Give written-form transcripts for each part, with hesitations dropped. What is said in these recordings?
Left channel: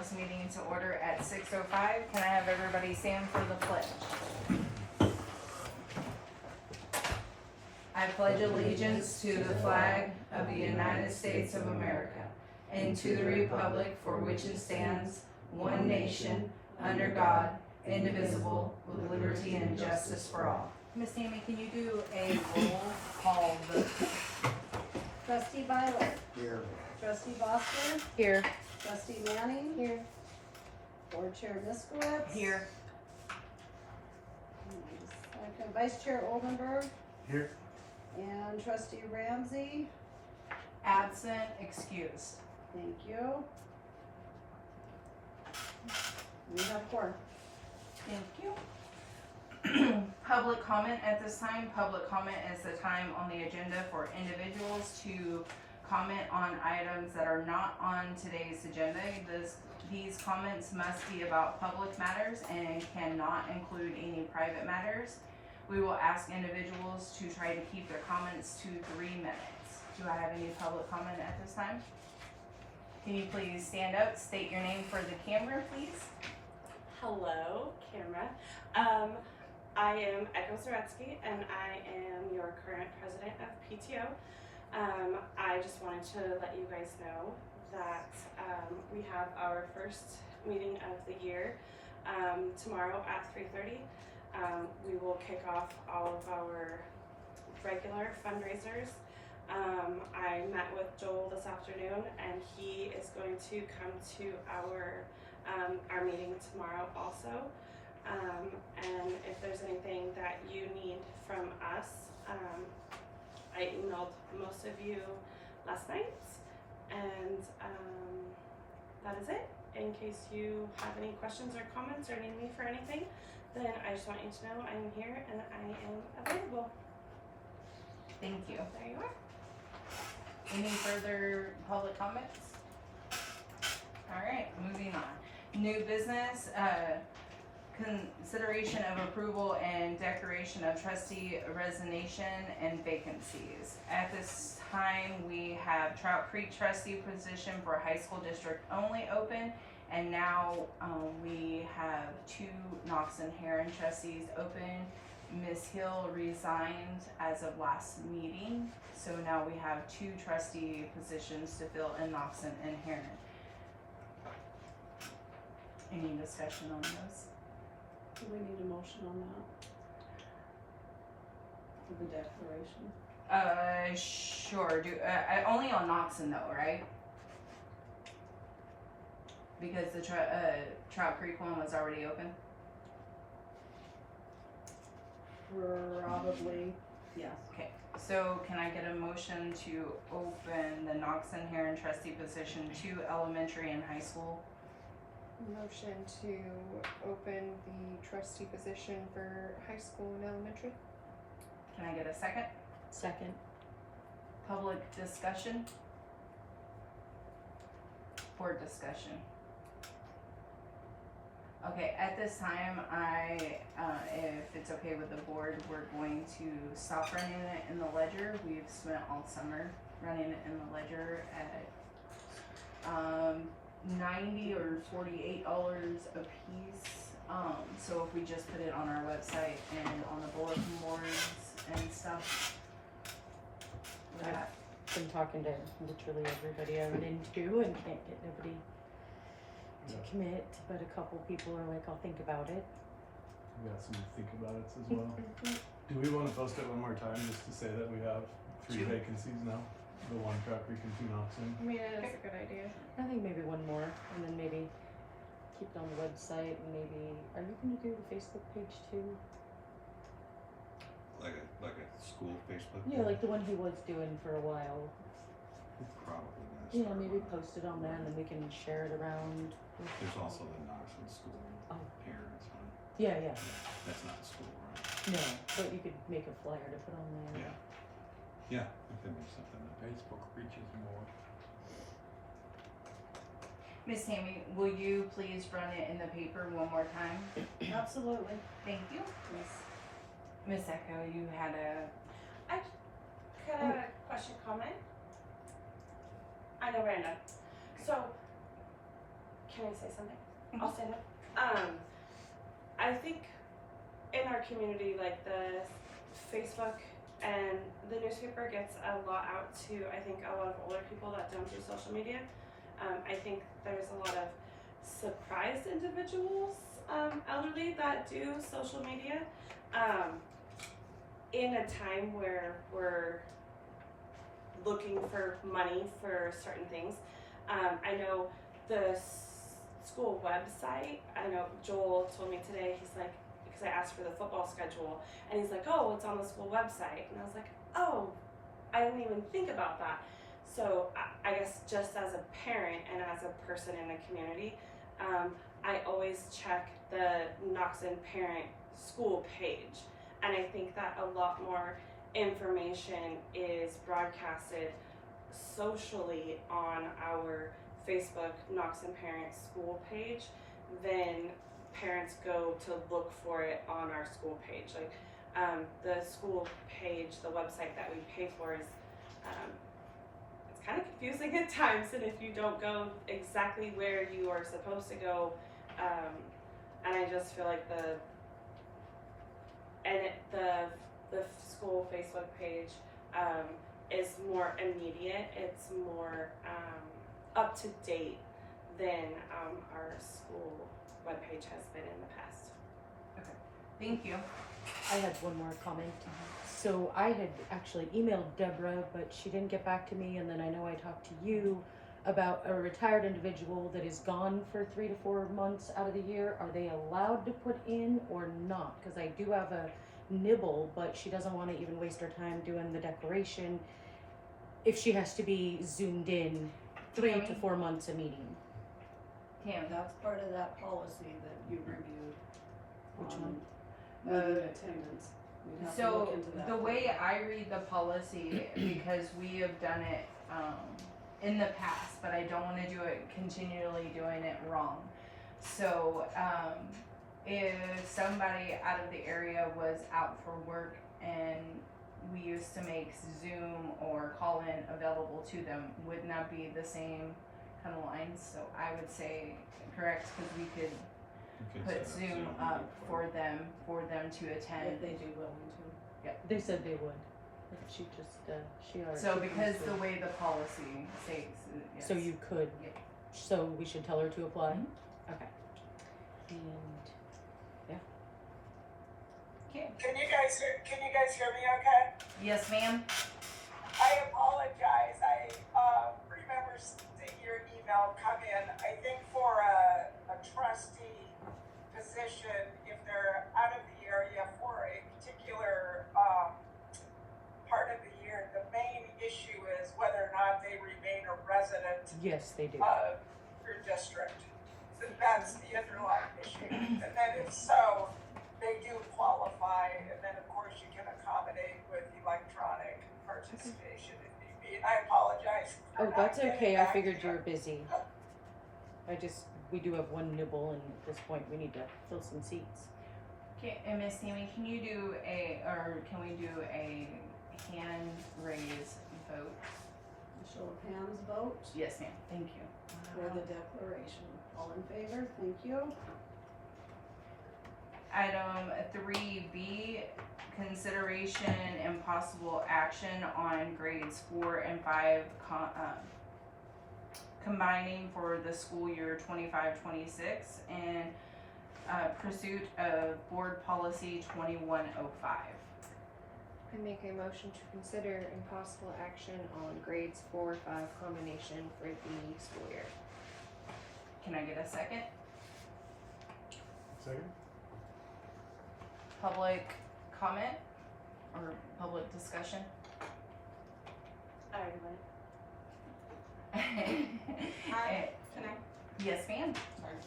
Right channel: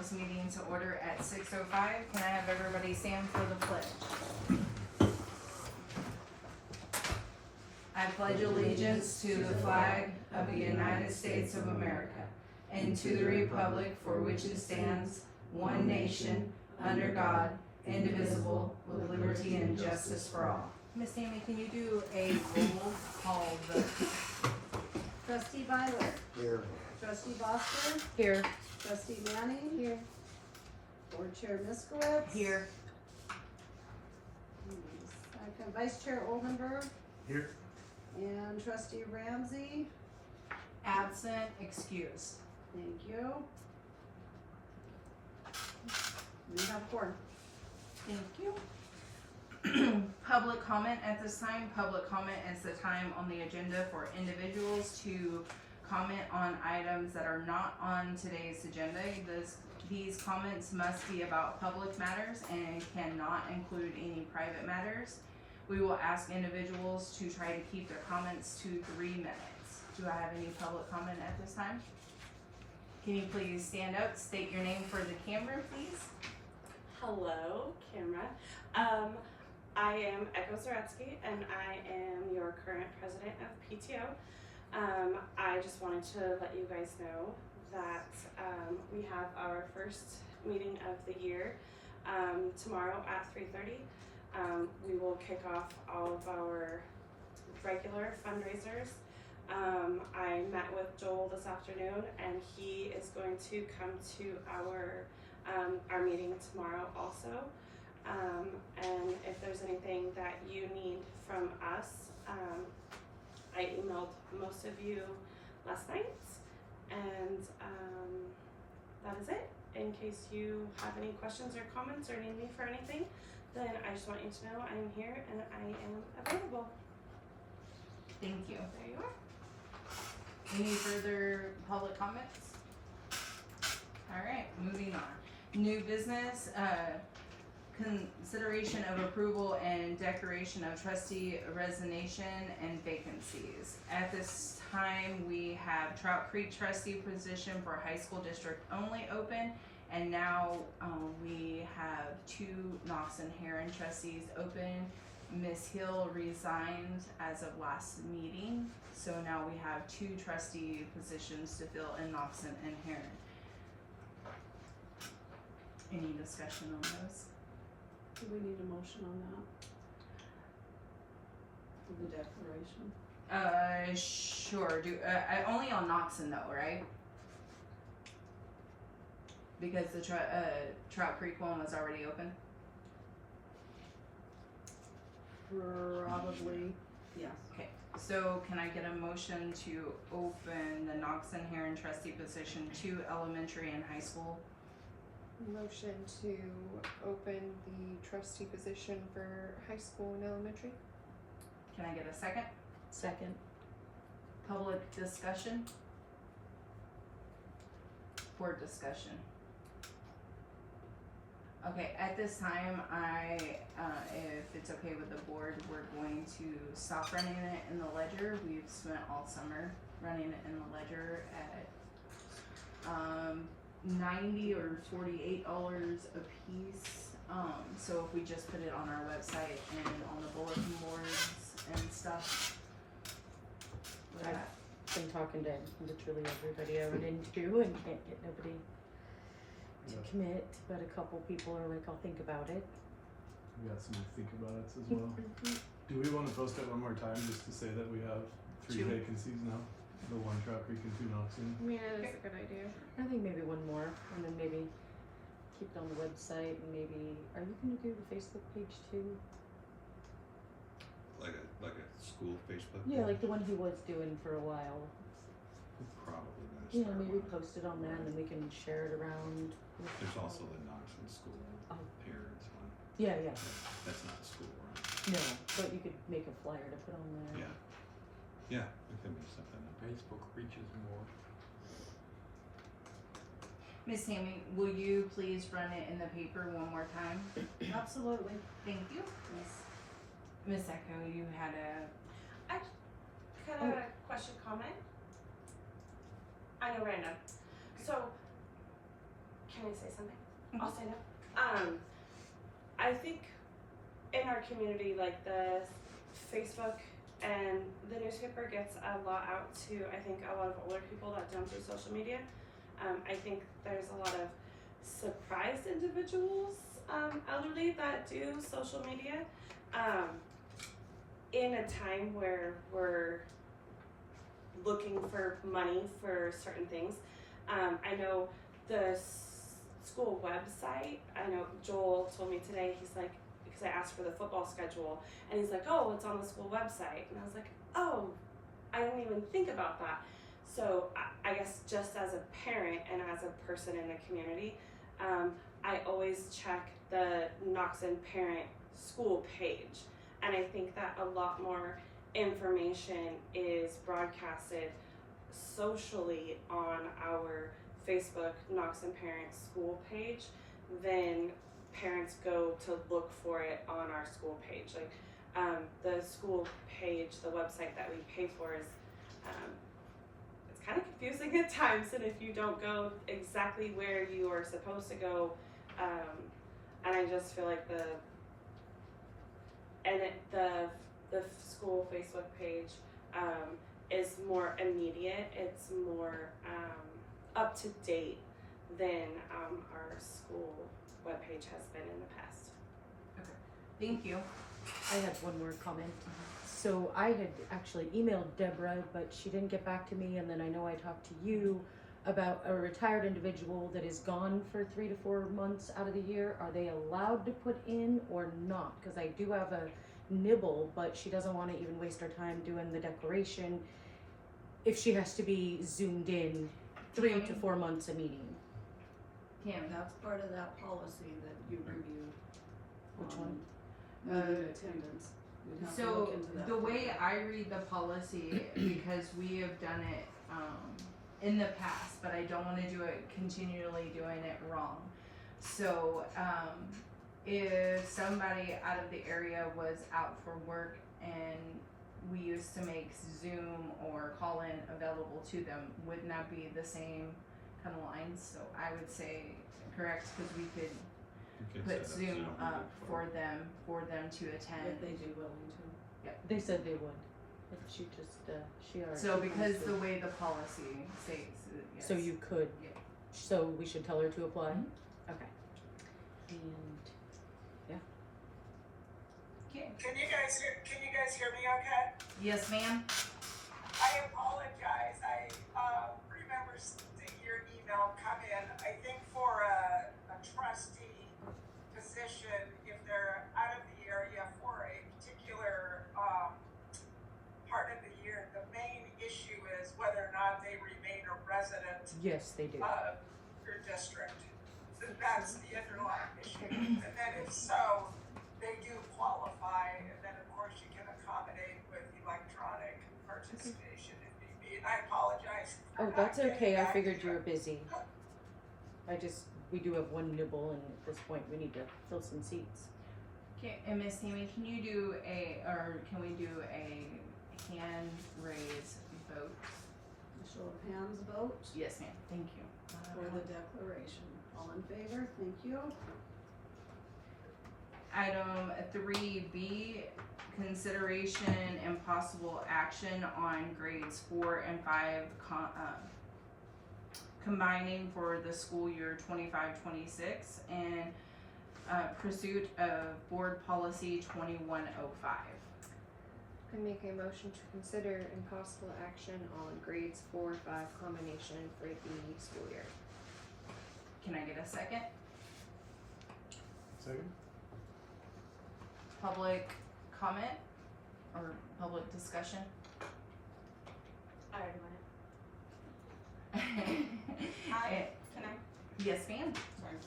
this meeting to order at 6:05. Can I have everybody stand for the pledge? I pledge allegiance to the flag of the United States of America and to the republic for which it stands, one nation, under God, indivisible, with liberty and justice for all. Miss Tammy, can you do a roll call vote? Trustee Violet. Here. Trustee Foster. Here. Trustee Manning. Here. Board Chair Miskowitz. Here. Second, Vice Chair Oldenburg. Here. And Trustee Ramsey. Absent, excused. Thank you. We have four. Thank you. Public comment at this time. Public comment is the time on the agenda for individuals to comment on items that are not on today's agenda. These comments must be about public matters and cannot include any private matters. We will ask individuals to try to keep their comments to 3 minutes. Do I have any public comment at this time? Can you please stand up, state your name for the camera, please? Hello, camera. I am Echo Zaretsky, and I am your current president of PTO. I just wanted to let you guys know that we have our first meeting of the year tomorrow at 3:30. We will kick off all of our regular fundraisers. I met with Joel this afternoon, and he is going to come to our meeting tomorrow also. And if there's anything that you need from us, I emailed most of you last night, and that is it. In case you have any questions or comments or need me for anything, then I just want you to know I am here and I am available. Thank you. There you are. Any further public comments? All right, moving on. New business, consideration of approval and declaration of trustee resignation and vacancies. At this time, we have Trout Creek trustee position for high school district only open, and now we have 2 Knox and Heron trustees open. Ms. Hill resigned as of last meeting, so now we have 2 trustee positions to fill in Knox and Heron. Any discussion on this? Do we need a motion on that? For the declaration? Sure, only on Knoxon though, right? Because the Trout Creek one was already open? Probably, yes. Okay, so can I get a motion to open the Knoxon Heron trustee position to elementary and high school? Motion to open the trustee position for high school and elementary. Can I get a second? Second. Public discussion? Board discussion? Okay, at this time, if it's okay with the board, we're going to stop running it in the ledger. We've spent all summer running it in the ledger at $90 or $48 a piece. So if we just put it on our website and on the bulletin boards and stuff. With I've that. been talking to literally everybody I run into and can't get nobody to commit, but a couple people are like, I'll think about it. We got some to think about it as well. Do we want to post it one more time just to say that we have 3 2. vacancies now? The 1 Trout Creek and 2 Knoxon? Yeah, that's a good idea. I think maybe one more, and then maybe keep it on the website, and maybe, are you gonna do the Facebook page too? Like a school Facebook? Yeah, like the one he was doing for a while. Probably gonna You know, start maybe one. post it on that, and then we can share it around. There's also the Knoxon School Oh. parents one. Yeah, yeah, That's not a school, right? no, but you could make a flyer to put on there. Yeah. Yeah, if there was something that Facebook reaches more. Miss Tammy, will you please run it in the paper one more time? Absolutely. Thank you. Yes. Miss Echo, you had a, Got a question, comment? I know Randa. So, can I say something? I'll stand up. I think in our community, like the Facebook and the newspaper gets a lot out to, I think, a lot of older people that don't do social media. I think there's a lot of surprised individuals, elderly, that do social media. In a time where we're looking for money for certain things. I know the school website, I know Joel told me today, he's like, because I asked for the football schedule, and he's like, oh, it's on the school website. And I was like, oh, I didn't even think about that. So I guess just as a parent and as a person in the community, I always check the Knoxon Parent School page. And I think that a lot more information is broadcasted socially on our Facebook Knoxon Parent School page than parents go to look for it on our school page. Like the school page, the website that we pay for is it's kind of confusing at times, and if you don't go exactly where you are supposed to go, and I just feel like the school Facebook page is more immediate. It's more up to date than our school webpage has been in the past. Thank you. I had one more comment. So I had actually emailed Deborah, but she didn't get back to me, and then I know I talked to you about a retired individual that is gone for 3 to 4 months out of the year. Are they allowed to put in or not? Because I do have a nibble, but she doesn't want to even waste her time doing the declaration if she has to be zoomed in 3 to 4 months a meeting. Tam, That's part of that policy that you reviewed. Which one? Meeting attendance. We'd have to look so into that the way further. I read the policy, because we have done it in the past, but I don't want to do it continually doing it wrong. So if somebody out of the area was out for work and we used to make Zoom or call in available to them, wouldn't that be the same kind of lines? So I would say correct, because we could You could put set up Zoom up meeting for them to attend. If they do willing to. They said they would. But she just, she already. So because promised the to. way the policy states, yes. So you could. Yep. So we should tell her to apply? Mhm. Okay. And, Okay. Can you guys hear me okay? Yes, ma'am. I apologize. I remember seeing your email come in. I think for a trustee position, if they're out of the area for a particular part of the year, the main issue is whether or not they remain a resident yes, they do. of your district. So that's the underlying issue. And then if so, they do qualify, and then of course you can accommodate with electronic participation if need be. And I apologize. for Oh, not that's getting okay. I back figured to you were busy. We do have one nibble, and at this point, we need to fill some seats. Okay, and Miss Tammy, can we do a hand raise vote? Show of hands vote Yes, ma'am. Thank you. for the declaration. All in favor? Thank you. Item 3B, consideration and possible action on grades 4 and 5 combining for the school year 25-26 and pursuit of board policy 2105. I make a motion to consider impossible action on grades 4-5 combination for the school year. Can I get a second? Second? Public comment or public discussion? I already went it. Hi, can I? Yes, ma'am. Sorry.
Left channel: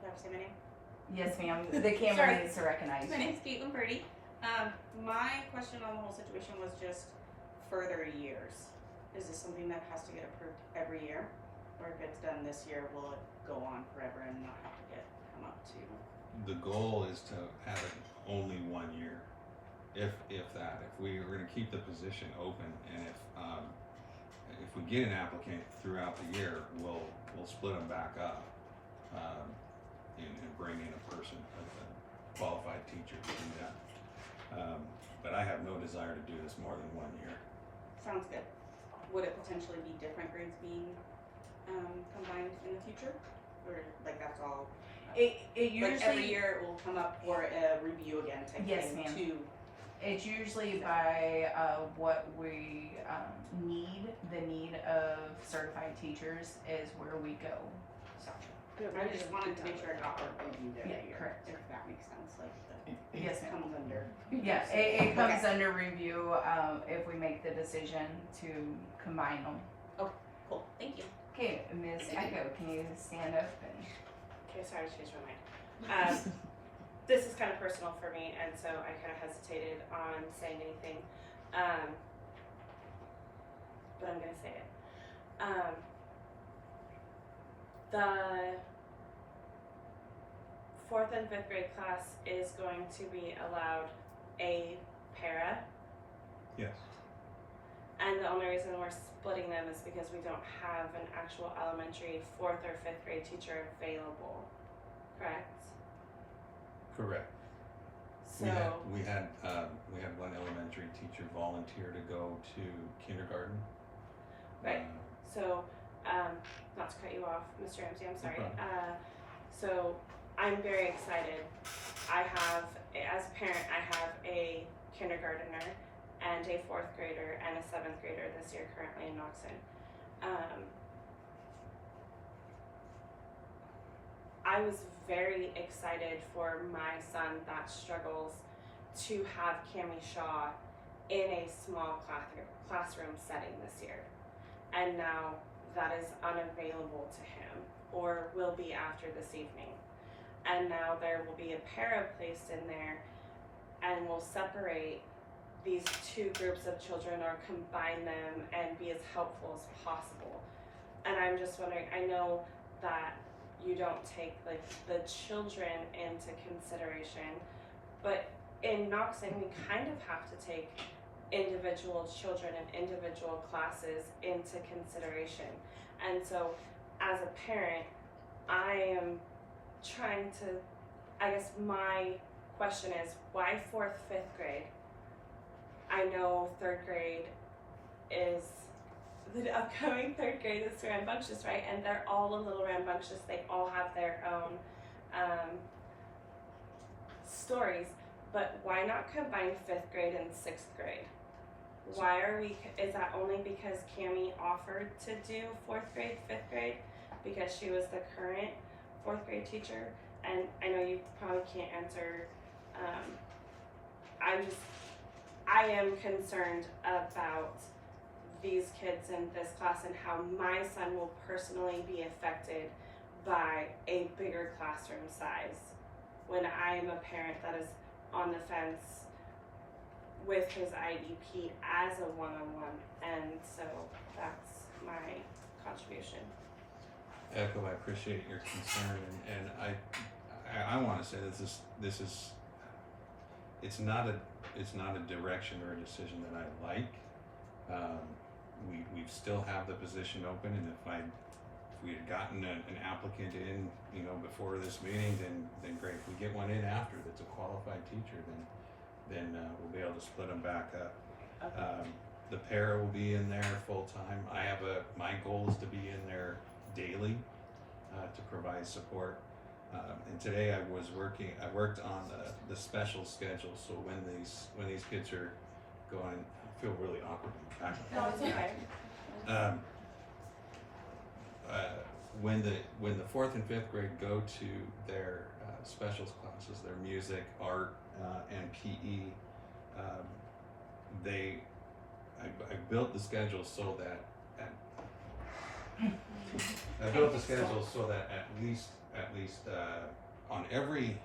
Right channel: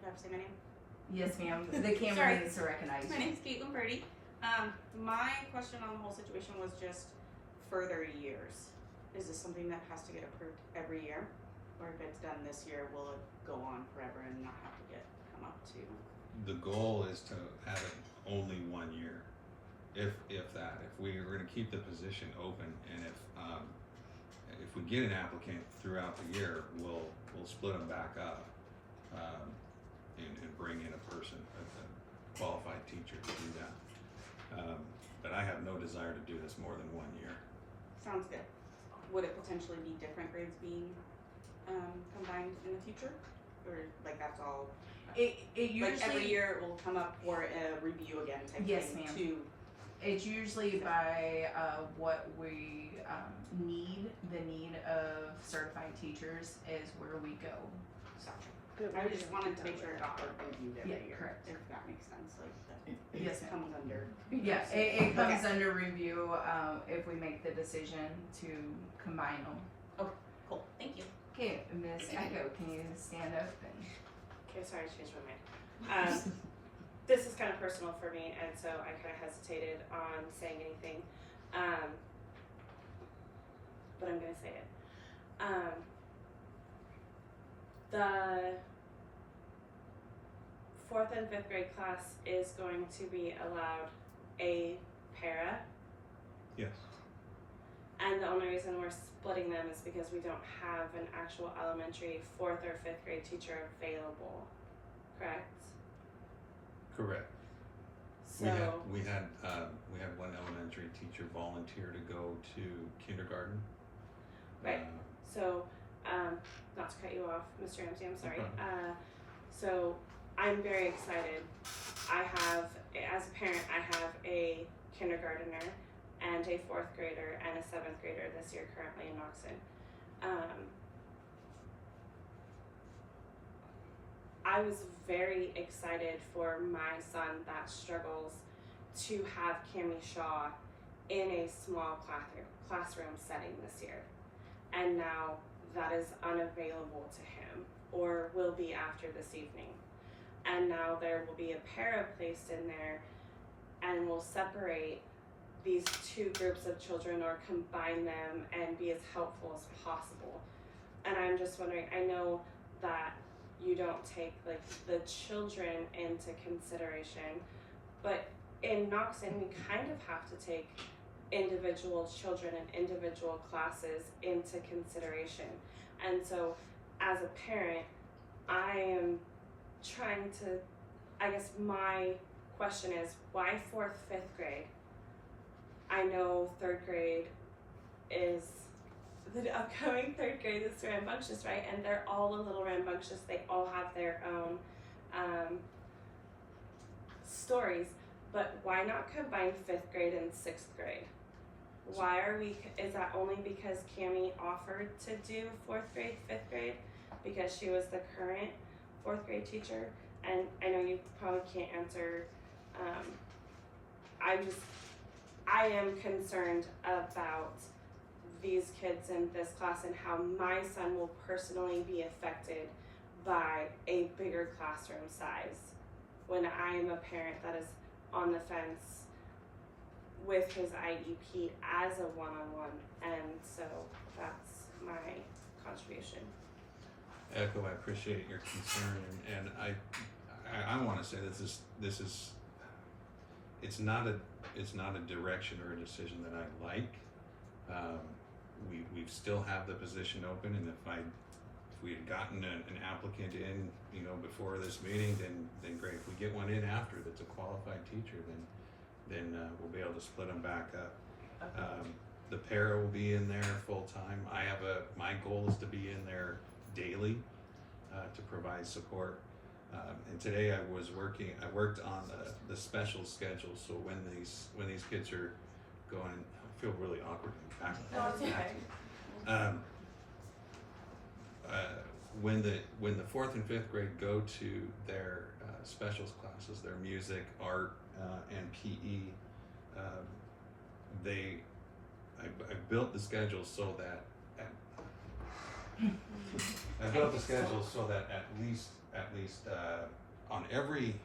Do I have to say my name? Yes, ma'am. The camera Sorry. needs to recognize My you. name's Caitlin Purdy. My question on the whole situation was just further years. Is this something that has to get approved every year? Or if it's done this year, will it go on forever and not have to come up to? The goal is to have it only 1 year, if that. If we were going to keep the position open, and if we get an applicant throughout the year, we'll split them back up and bring in a person, a qualified teacher to do that. But I have no desire to do this more than 1 year. Sounds good. Would it potentially be different grades being combined in the future? Or like that's all? It usually, Like every year it will come up for a review again type Yes, thing ma'am. to it's usually by what we need. The need of certified teachers is where we go. But I we just don't wanted do to make that sure it with got reviewed every Yeah, year. correct. If that makes sense, like the, Yes, it ma'am. comes under. Yeah, it comes Okay. under review if we make the decision to combine them. Cool, thank you. Okay, Ms. Echo, can you stand up and? Okay, sorry, I changed my mind. This is kind of personal for me, and so I kind of hesitated on saying anything. But I'm gonna say it. The 4th and 5th grade class is going to be allowed a para, Yes. and the only reason we're splitting them is because we don't have an actual elementary 4th or 5th grade teacher available, correct? Correct. So, We had one elementary teacher volunteer to go to kindergarten. Right. So, not to cut you off, Mr. Ramsey, I'm sorry. problem. So I'm very excited. I have, as a parent, I have a kindergartner and a 4th grader and a 7th grader this year currently in Knoxon. I was very excited for my son that struggles to have Cami Shaw in a small classroom setting this year. And now that is unavailable to him, or will be after this evening. And now there will be a para placed in there and will separate these two groups of children or combine them and be as helpful as possible. And I'm just wondering, I know that you don't take like the children into consideration, but in Knoxon we kind of have to take individual children and individual classes into consideration. And so as a parent, I am trying to, I guess my question is, why 4th, 5th grade? I know 3rd grade is the upcoming 3rd grade is rambunctious, right? And they're all a little rambunctious. They all have their own stories. But why not combine 5th grade and 6th grade? Why are we, is that only because Cami offered to do 4th grade, 5th grade? Because she was the current 4th grade teacher? And I know you probably can't answer, I am concerned about these kids in this class and how my son will personally be affected by a bigger classroom size when I am a parent that is on the fence with his IEP as a one-on-one, and so that's my contribution. Echo, I appreciate your concern, and I want to say this is it's not a direction or a decision that I like. We still have the position open, and if we had gotten an applicant in, before this meeting, then great. If we get one in after that's a qualified teacher, then we'll be able to split them back up. Okay. The para will be in there full time. My goal is to be in there daily to provide support. And today I worked on the special schedule. So when these kids are going, I feel really awkward. No, it's okay. When the 4th and 5th grade go to their specials classes, their music, art, and PE, I built the schedule so that at least on every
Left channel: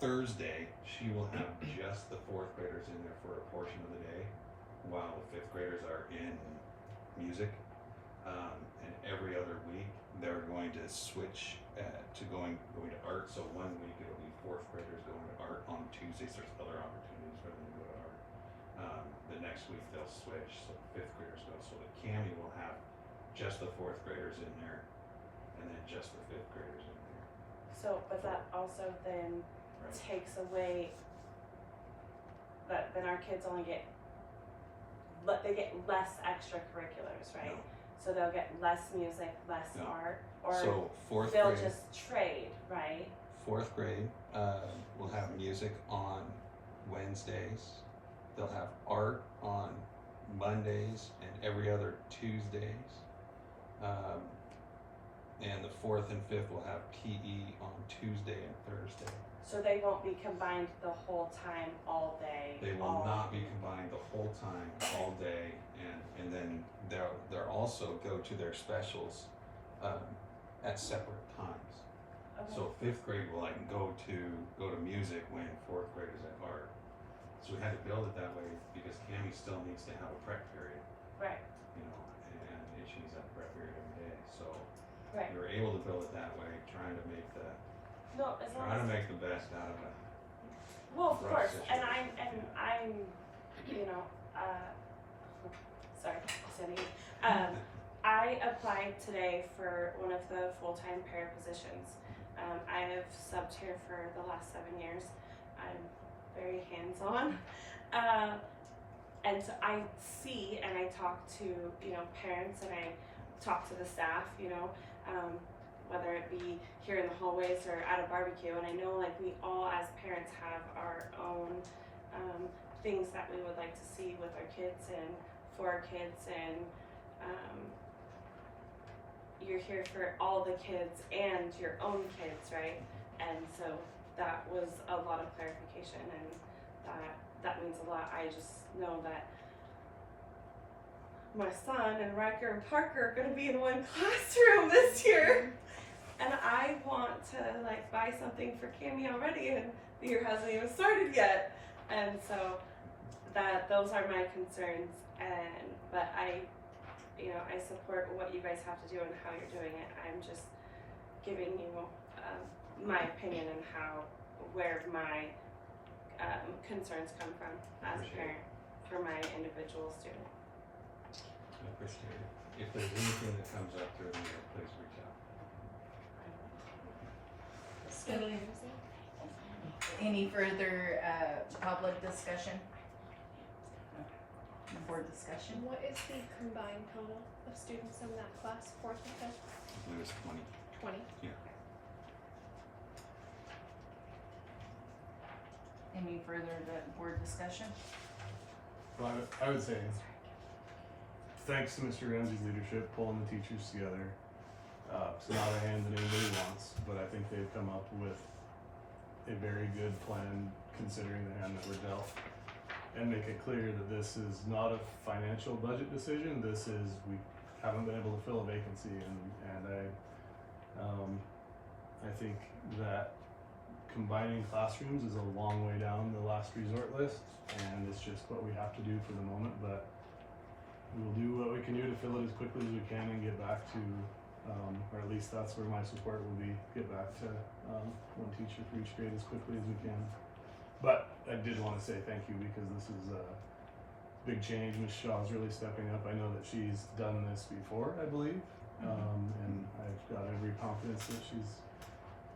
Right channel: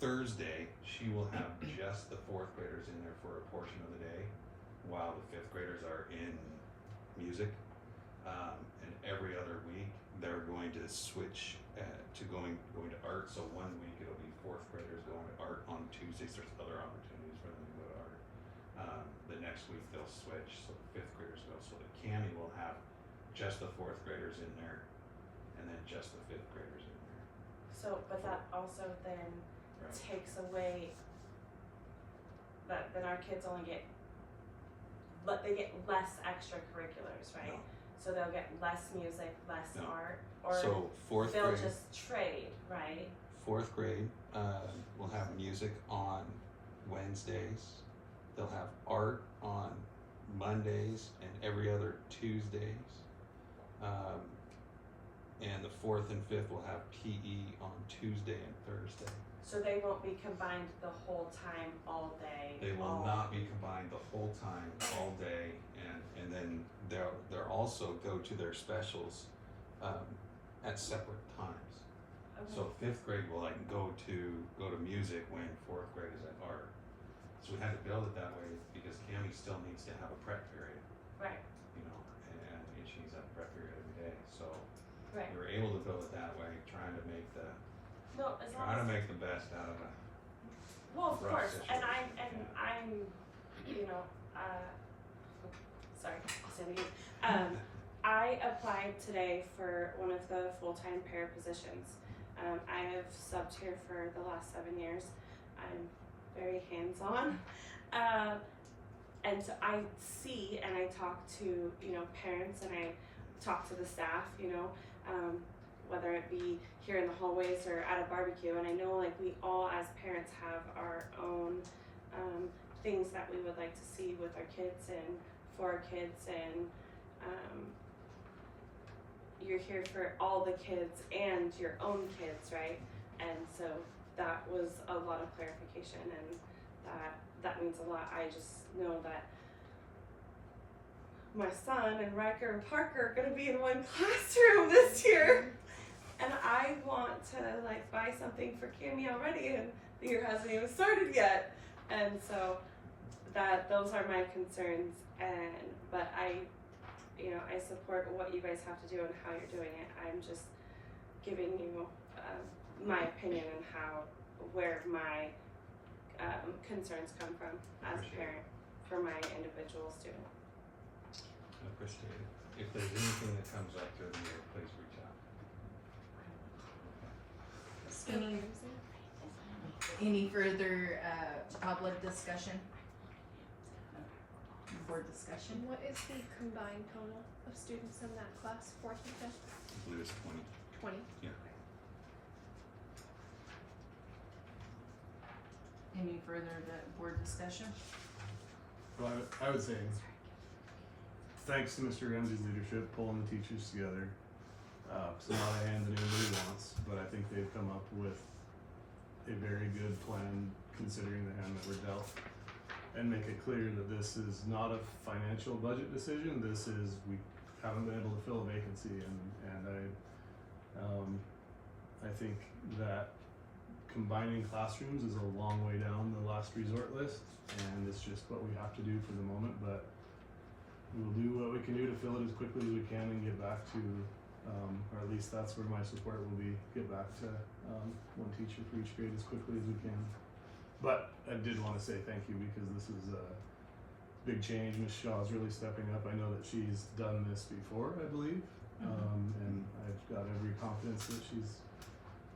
Thursday she will have just the 4th graders in there for a portion of the day, while the 5th graders are in music. And every other week they're going to switch to going to art. So one week it'll be 4th graders going to art. On Tuesdays there's other opportunities for them to go to art. The next week they'll switch, so 5th graders go. So the Cami will have just the 4th graders in there, and then just the 5th graders in there. So, but that also then Right. takes away that then our kids only get they get less extracurriculars, right? No. So they'll get less music, less No. art, or So fourth they'll grade, just trade, right? fourth grade, will have music on Wednesdays. They'll have art on Mondays and every other Tuesdays. And the fourth and fifth will have PE on Tuesday and Thursday. So they won't be combined the whole time, all day. They will not be combined the whole time, all day, and then they'll also go to their specials, at separate times. Okay. So fifth grade will like go to music when fourth grade is at art. So we had to build it that way because Cammie still needs to have a prep period, Right. you know, and she needs that prep period every day. So Right. we were able to build it that way, trying to make the best out of it. Well, of rough course, and situation. I'm, you know, sorry, standing. I applied today for one of the full-time para positions. I have subbed here for the last 7 years. I'm very hands-on, and so I see and I talk to, you know, parents, and I talk to the staff, you know, whether it be here in the hallways or at a barbecue. And I know, like, we all as parents have our own things that we would like to see with our kids and for our kids, and you're here for all the kids and your own kids, right? And so that was a lot of clarification, and that means a lot. I just know that my son and Riker and Parker are gonna be in one classroom this year, and I want to like buy something for Cammie already, and the year hasn't even started yet, and so those are my concerns. But I support what you guys have to do and how you're doing it. I'm just giving you my opinion and where my concerns come from as a Appreciate it. parent for my individual student. I appreciate it. If there's anything that comes up through the year, please reach out. Any further, public discussion? Board discussion? What is the combined total of students in that class, fourth and fifth? I believe it's 20. 20. Yeah. Any further board discussion? Well, I would say, thanks to Mr. Ramsey's leadership, pulling the teachers together. It's not a hand that anybody wants, but I think they've come up with a very good plan considering the hand that we're dealt. And make it clear that this is not a financial budget decision. This is, we haven't been able to fill a vacancy, and I think that combining classrooms is a long way down the last resort list, and it's just what we have to do for the moment. But we will do what we can do to fill it as quickly as we can and get back to, or at least that's where my support will be, get back to one teacher for each grade as quickly as we can. But I did want to say thank you, because this is a big change. Ms. Shaw is really stepping up. I know that she's done this before, I believe, and I've got every confidence that she's,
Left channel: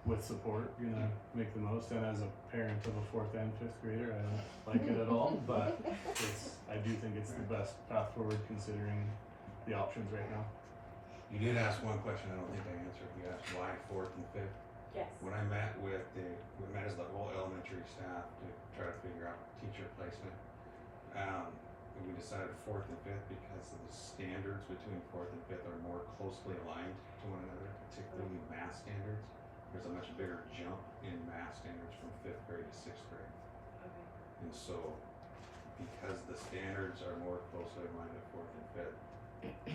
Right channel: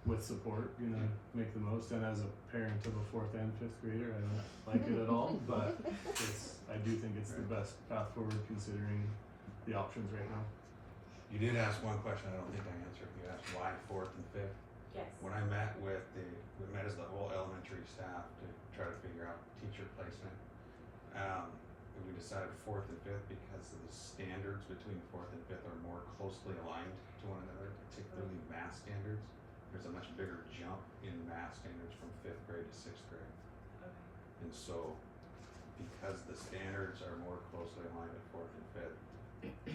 with support, gonna make the most. And as a parent of a fourth and fifth grader, I don't like it at all, but I do think it's the best path forward considering the options right now. You did ask one question I don't think I answered. You asked why fourth and fifth. Yes. When I met we met as the whole elementary staff to try to figure out teacher placement. We decided fourth and fifth because of the standards between fourth and fifth are more closely aligned to one another, particularly math standards. There's a much bigger jump in math standards from fifth grade to sixth grade. Okay. And so, because the standards are more closely aligned at fourth and fifth,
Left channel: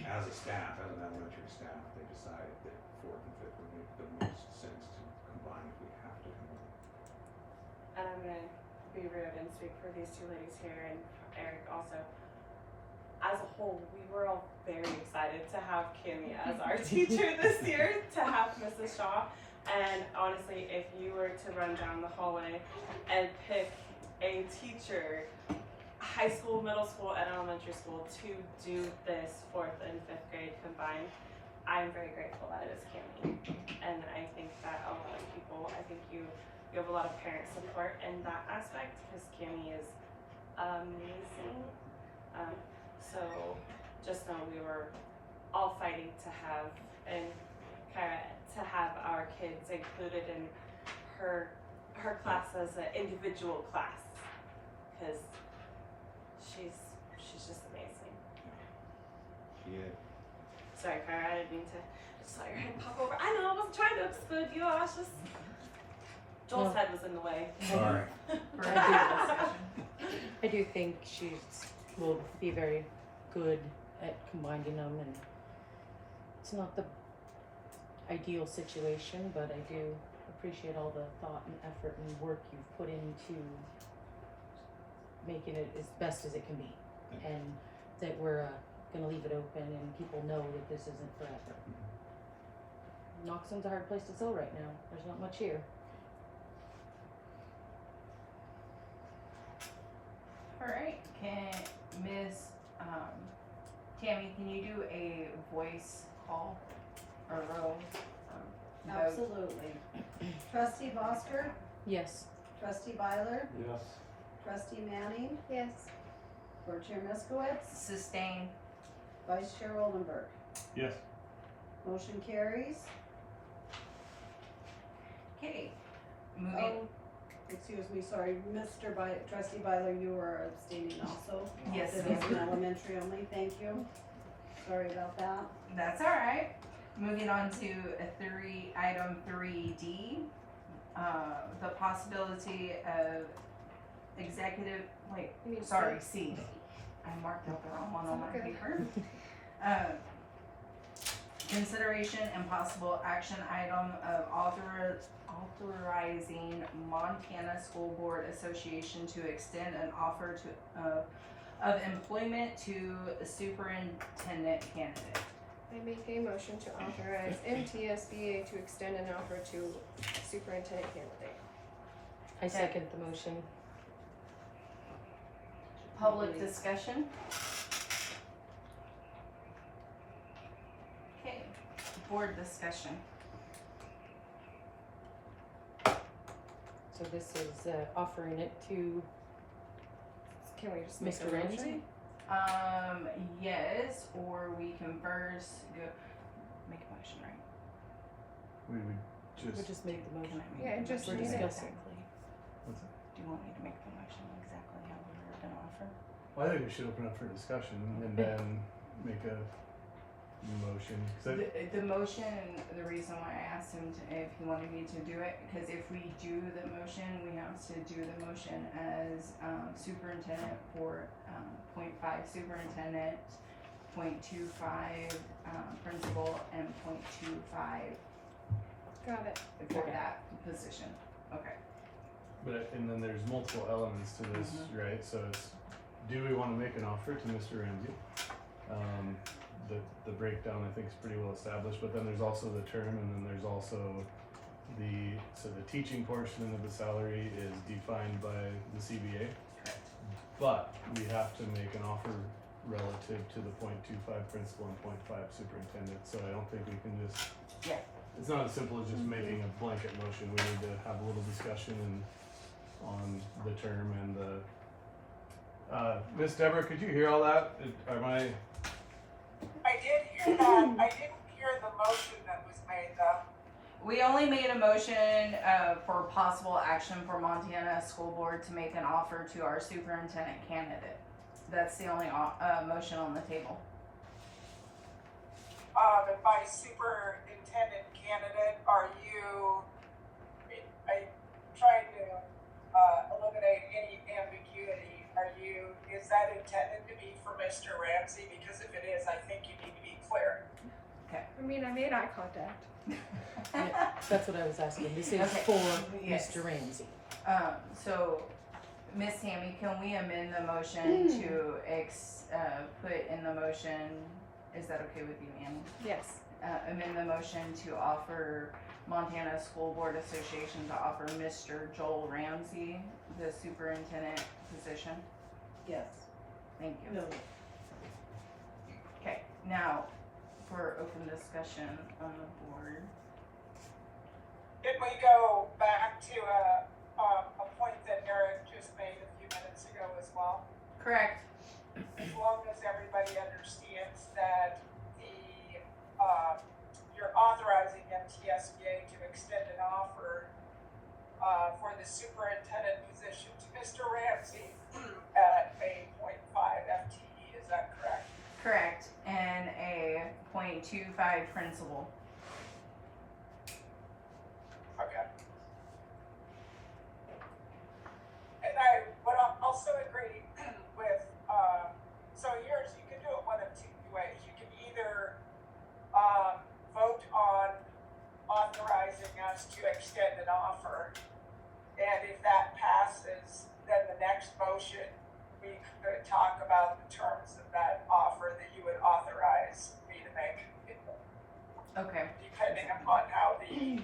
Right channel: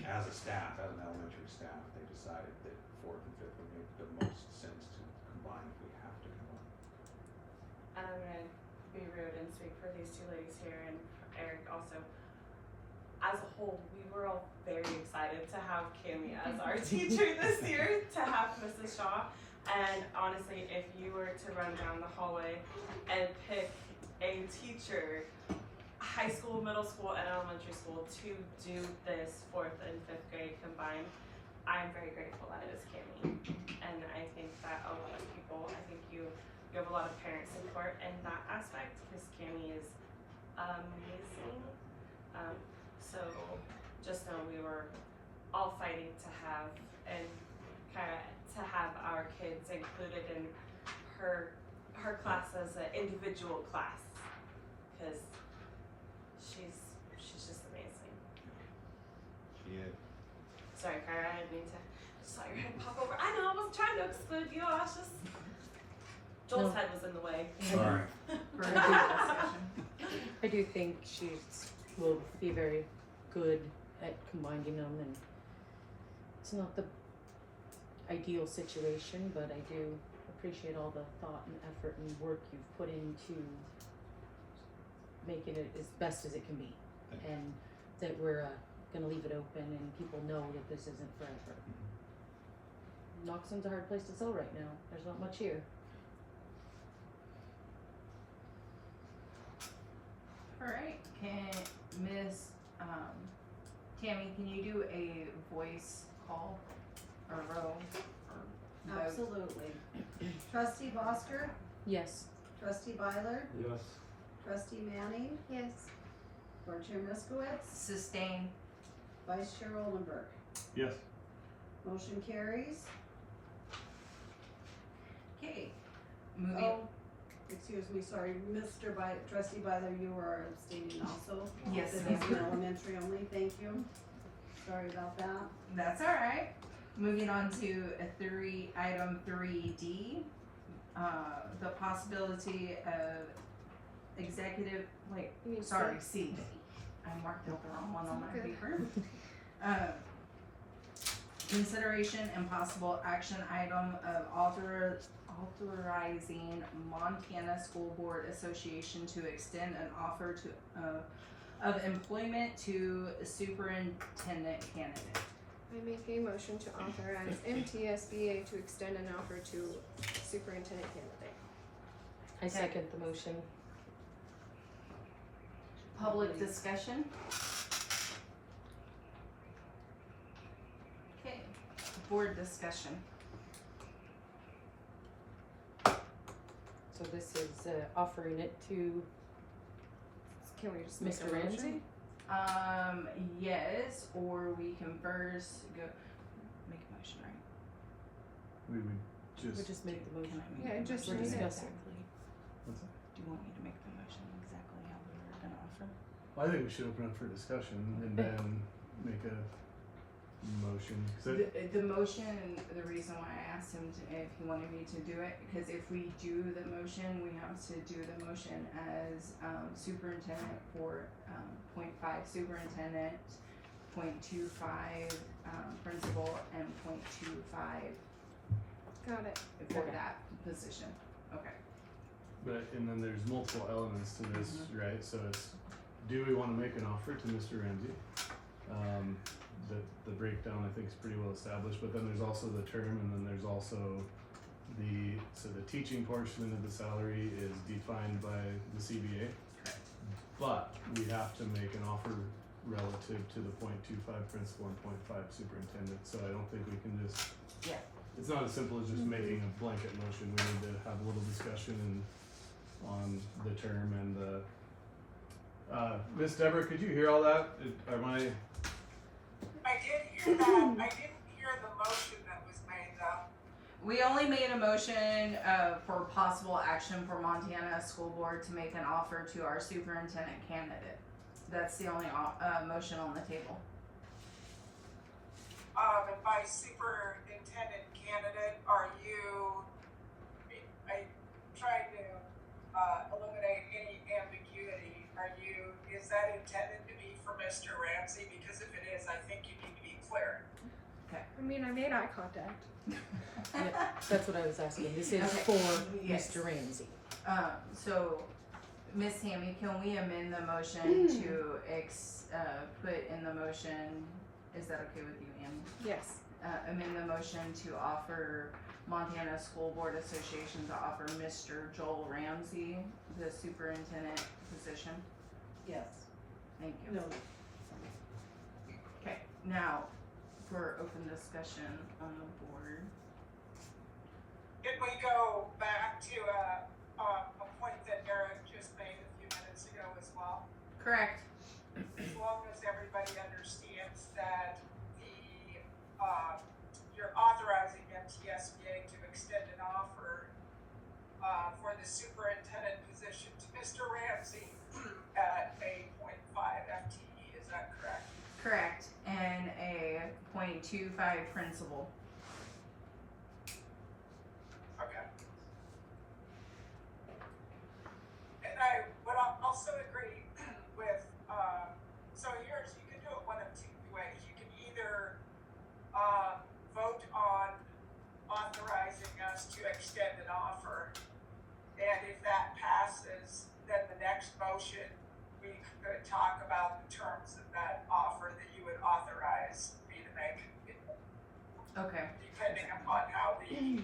as a staff, as an elementary staff, they decided that fourth and fifth would make the most sense to combine if we have to combine. And I'm gonna be rude and speak for these two ladies here, and Eric also. As a whole, we were all very excited to have Cammie as our teacher this year, to have Mrs. Shaw. And honestly, if you were to run down the hallway and pick a teacher, high school, middle school, and elementary school, to do this fourth and fifth grade combined, I'm very grateful that it is Cammie. And I think that a lot of people you have a lot of parent support in that aspect because Cami is amazing. So just know we were all fighting to have and Kyra to have our kids included in her class as an individual class because she's just amazing. Yeah. Sorry, Kyra, I didn't mean to. Just saw your head pop over. I know, I wasn't trying to exclude you. I was just. Joel's No. head was in the way. Sorry. For further discussion. I do think she will be very good at combining them, and it's not the ideal situation, but I do appreciate all the thought and effort and work you've put into making it as best as it can be, Thank you. and that we're gonna leave it open and people know that this isn't forever. Knoxon's a hard place to sell right now. There's not much here. Alright, can Ms. Tammy, can you do a voice call or roll or vote? Absolutely. Trustee Bosker, Yes. trustee Byler, Yes. trustee Manning, Yes. board chair Miskowitz, Sustain. vice chair Oldenburg. Yes. Motion carries. Okay, moving. Oh, excuse me, sorry, trustee Byler, you were abstaining also. Yes, This ma'am. is an elementary only, thank you. Sorry about that. That's all right. Moving on to item 3D, the possibility of executive, wait, You mean sorry, C? C. I marked out the wrong one on my Okay. paper. Consideration and possible action item of authorizing Montana School Board Association to extend an offer of employment to a superintendent candidate. I make a motion to authorize MTSBA to extend an offer to superintendent candidate. I second the motion. Public discussion? Okay, board discussion. So this is offering it to Can we just make a Mr. motion? Ramsey? Yes, or we can first go, make a motion, right? We would We just. just make the motion. Can I make Yeah, the just We're motion? read it. discussing. What's that? Do you want me to make the motion exactly how we were gonna offer? Well, I think we should open up for discussion and then make a motion. 'Cause The motion, the reason why I asked him if he wanted me to do it, because if we do the motion, we have to do the motion as superintendent for .5 superintendent, .25 principal, and .25 Got it. for Okay. that position. Okay. But, and then there's multiple elements to this, right? So it's, do we wanna make an offer to Mr. Ramsey? The breakdown I think is pretty well established, but then there's also the term and then there's also the teaching portion of the salary is defined by the CBA. Correct. But we have to make an offer relative to the .25 principal and .5 superintendent, so I don't think we can just. Yeah. It's not as simple as just making a blanket motion, we need to have a little discussion on the term and the. Miss Deborah, could you hear all that? Am I? I did hear that. I didn't hear the motion that was made though. We only made a motion for possible action for Montana School Board to make an offer to our superintendent candidate. That's the only motion on the table. And by superintendent candidate, are you, I trying to eliminate any ambiguity. Is that intended to be for Mr. Ramsey? Because if it is, I think you need to be clear. I mean, I made eye contact. Yeah, that's what I was asking. This is Okay. for Yes. Mr. Ramsey. So, Miss Tammy, can we amend the motion to put in the motion, is that okay with you, Annie? Yes. Amend the motion to offer Montana School Board Association to offer Mr. Joel Ramsey the superintendent position? Yes. Thank you. Okay, now, for open discussion on the board. Can we go back to a point that Eric just made a few minutes ago as well? Correct. As long as everybody understands that you're authorizing MTSBA to extend an offer for the superintendent position to Mr. Ramsey at a 0.5 FTE, is that correct? Correct. And a 0.25 principal. Okay. And I would also agree with, so yours, you can do it one of two ways. You can either vote on authorizing us to extend an offer, and if that passes, then the next motion, we could talk about the terms of that offer that you would authorize me to make, Okay. depending upon how the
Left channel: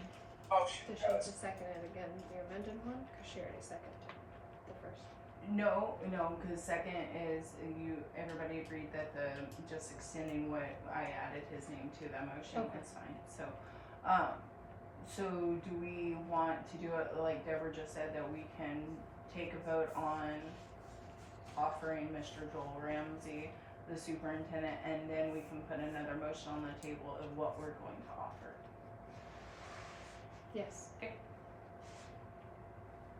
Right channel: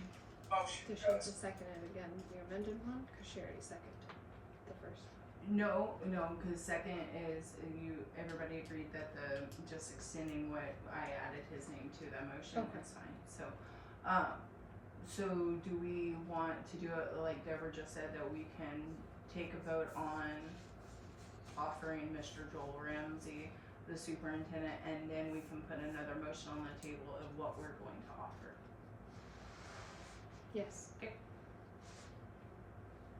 motion Does she have goes. to second it again, the amended one? Cause she already seconded the first. No, because second is everybody agreed that just extending what I added his name to that motion, Okay. it's fine. So do we want to do it like Deborah just said, that we can take a vote on offering Mr. Joel Ramsey the superintendent, and then we can put another motion on the table of what we're going to offer? Yes.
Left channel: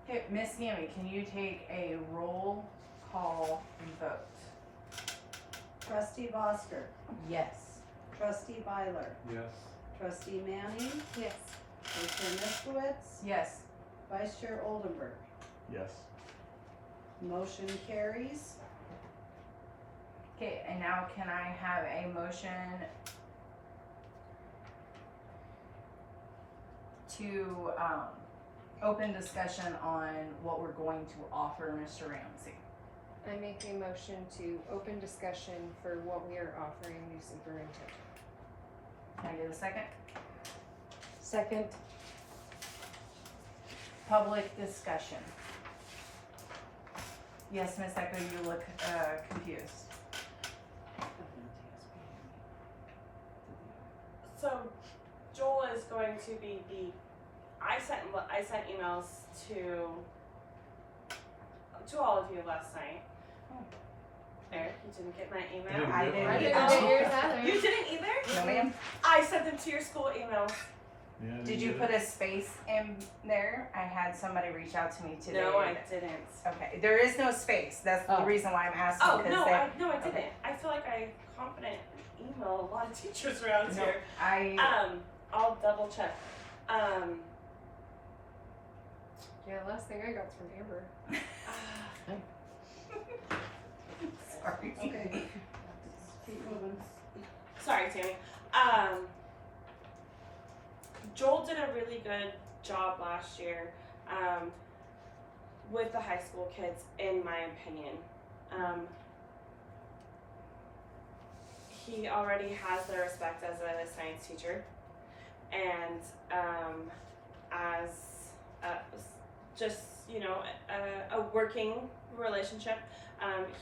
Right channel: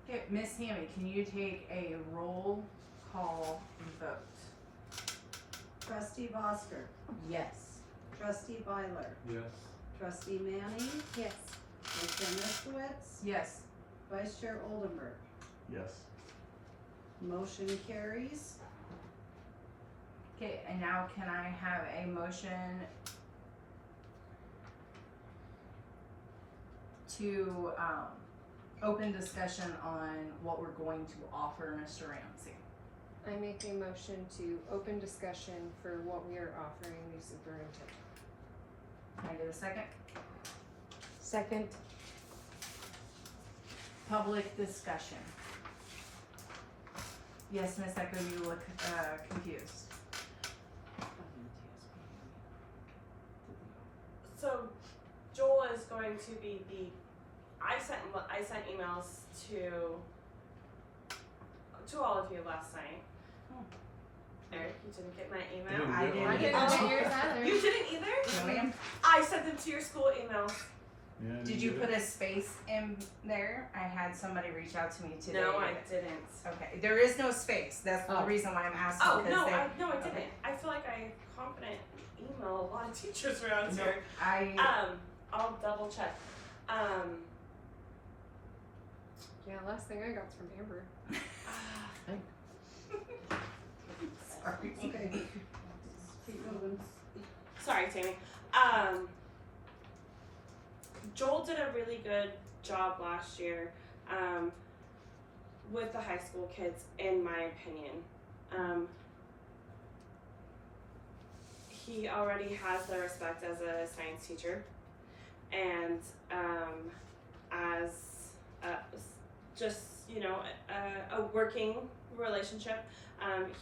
Okay, Miss Tammy, can you take a roll call vote? Trustee Bosker, Yes. trustee Byler, Yes. trustee Manning, Yes. vice chair Miskowitz, Yes. vice chair Oldenburg. Yes. Motion carries. Okay, and now can I have a motion to, open discussion on what we're going to offer Mr. Ramsey? I make a motion to open discussion for what we are offering the superintendent. Can I get a second? Second. Public discussion. Yes, Miss Echo, you look, confused. So Joel is going to be I sent emails to all of you last night. Oh. Eric, you didn't get my I email? didn't I get didn't one. get I Oh. didn't get yours either. You didn't either? No, ma'am. I sent them to your school email. Yeah, I Did didn't you get put it. a space in there? I had somebody reach out to me today. No, I didn't. Okay, there is no space. That's the Oh. reason why I'm asking. Oh 'cause no, they- I didn't. okay. I feel like I confident email a lot of teachers around No, here. I'll double check. Yeah, last thing I got's from Amber. Sorry. Okay. Keep moving. Sorry, Tammy. Joel did a really good job last year with the high school kids, in my opinion. He already has their respect as a science teacher, and as just a working relationship.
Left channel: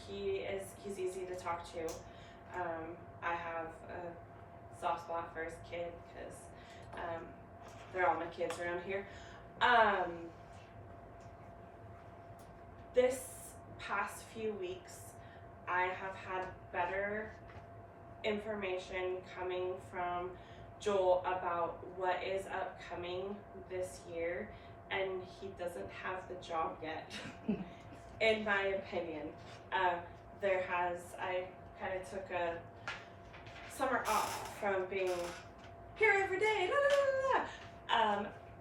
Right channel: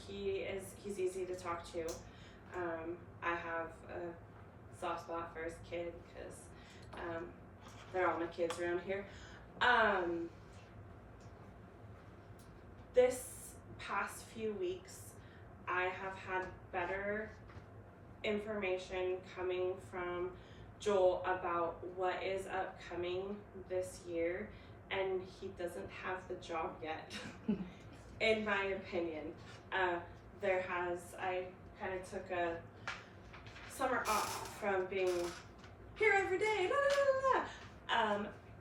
He's easy to talk to. I have a soft spot for his kid because they're all my kids around here. This past few weeks, I have had better information coming from Joel about what is upcoming this year, and he doesn't have the job yet. In my opinion, I kind of took a summer off from being here every day,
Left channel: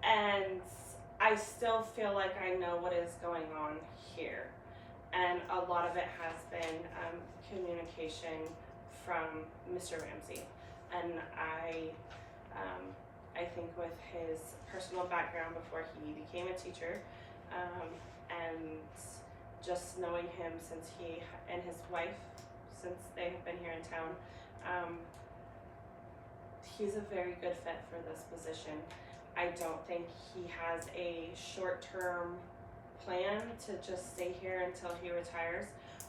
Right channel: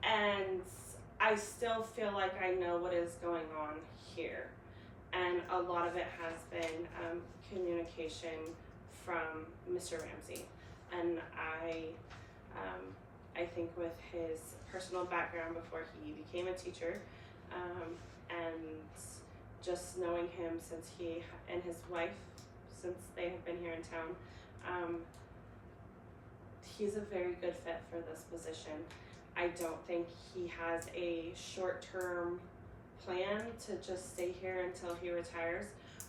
and I still feel like I know what is going on here, and a lot of it has been communication from Mr. Ramsey, and I think with his personal background before he became a teacher, and just knowing him since he and his wife, since they have been here in town, he's a very good fit for this position. I don't think he has a short-term plan to just stay here until he retires,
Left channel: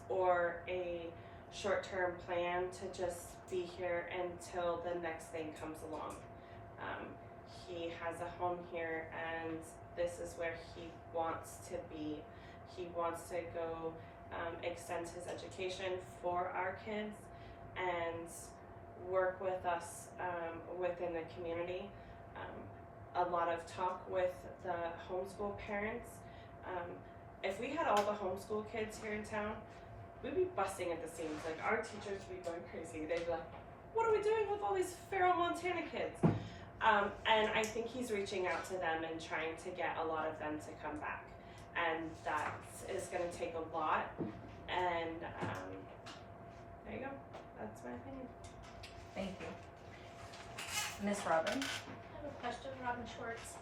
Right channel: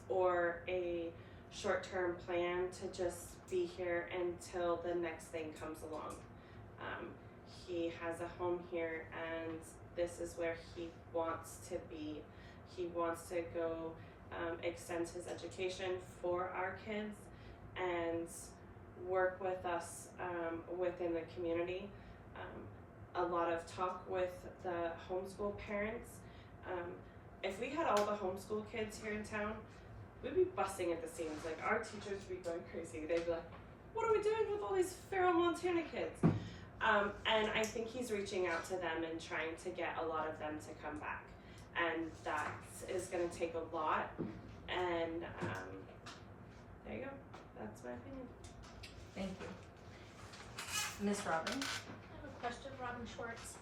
or a short-term plan to just be here until the next thing comes along. He has a home here, and this is where he wants to be. He wants to go extend his education for our kids and work with us within the community. A lot of talk with the homeschool parents. If we had all the homeschool kids here in town, we'd be busting at the seams. Like, our teachers would be going crazy. They'd be like, what are we doing with all these feral Montana kids? And I think he's reaching out to them and trying to get a lot of them to come back. And that is going to take a lot. And there you go. That's my opinion. Thank you. Miss Robin? I have a question, Robin Schwartz.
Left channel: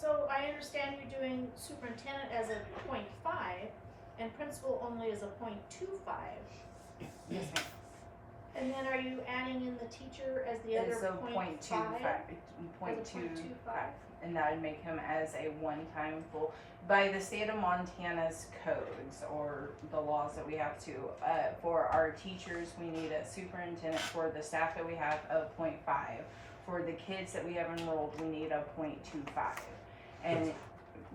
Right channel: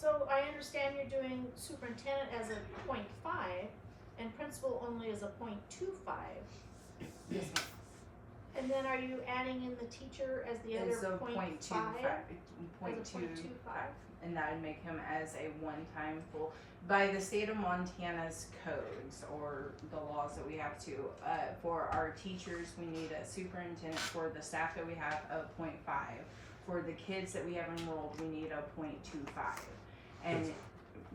So I understand you're doing superintendent as a 0.5 and principal only as a 0.25. Yes, ma'am. And then are you adding in the teacher as the other It's a 0.5? 0.25, and that would make him as a one-time full. By the state of Montana's codes or the laws that we have to, for our teachers, we need a superintendent. For the staff that we have, a 0.5. For the kids that we have enrolled, we need a 0.25. And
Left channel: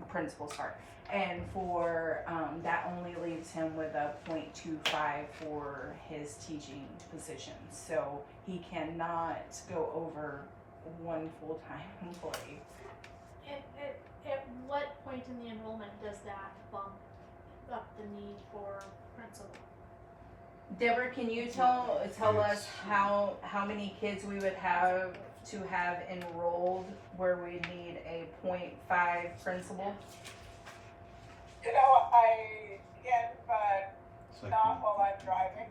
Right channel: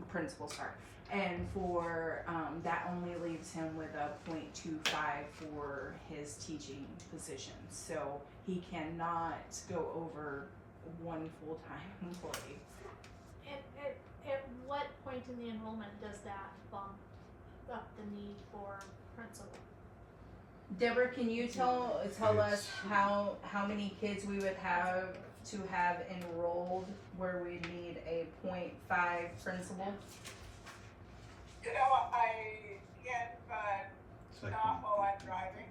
principal, sorry. And for that only leaves him with a 0.25 for his teaching position. So he cannot go over one full-time employee. At what point in the enrollment does that bump up the need for principal? Deborah, can you tell us how many kids we would have to have enrolled where we need a 0.5 principal? You know, I can't, but It's like not while I'm driving.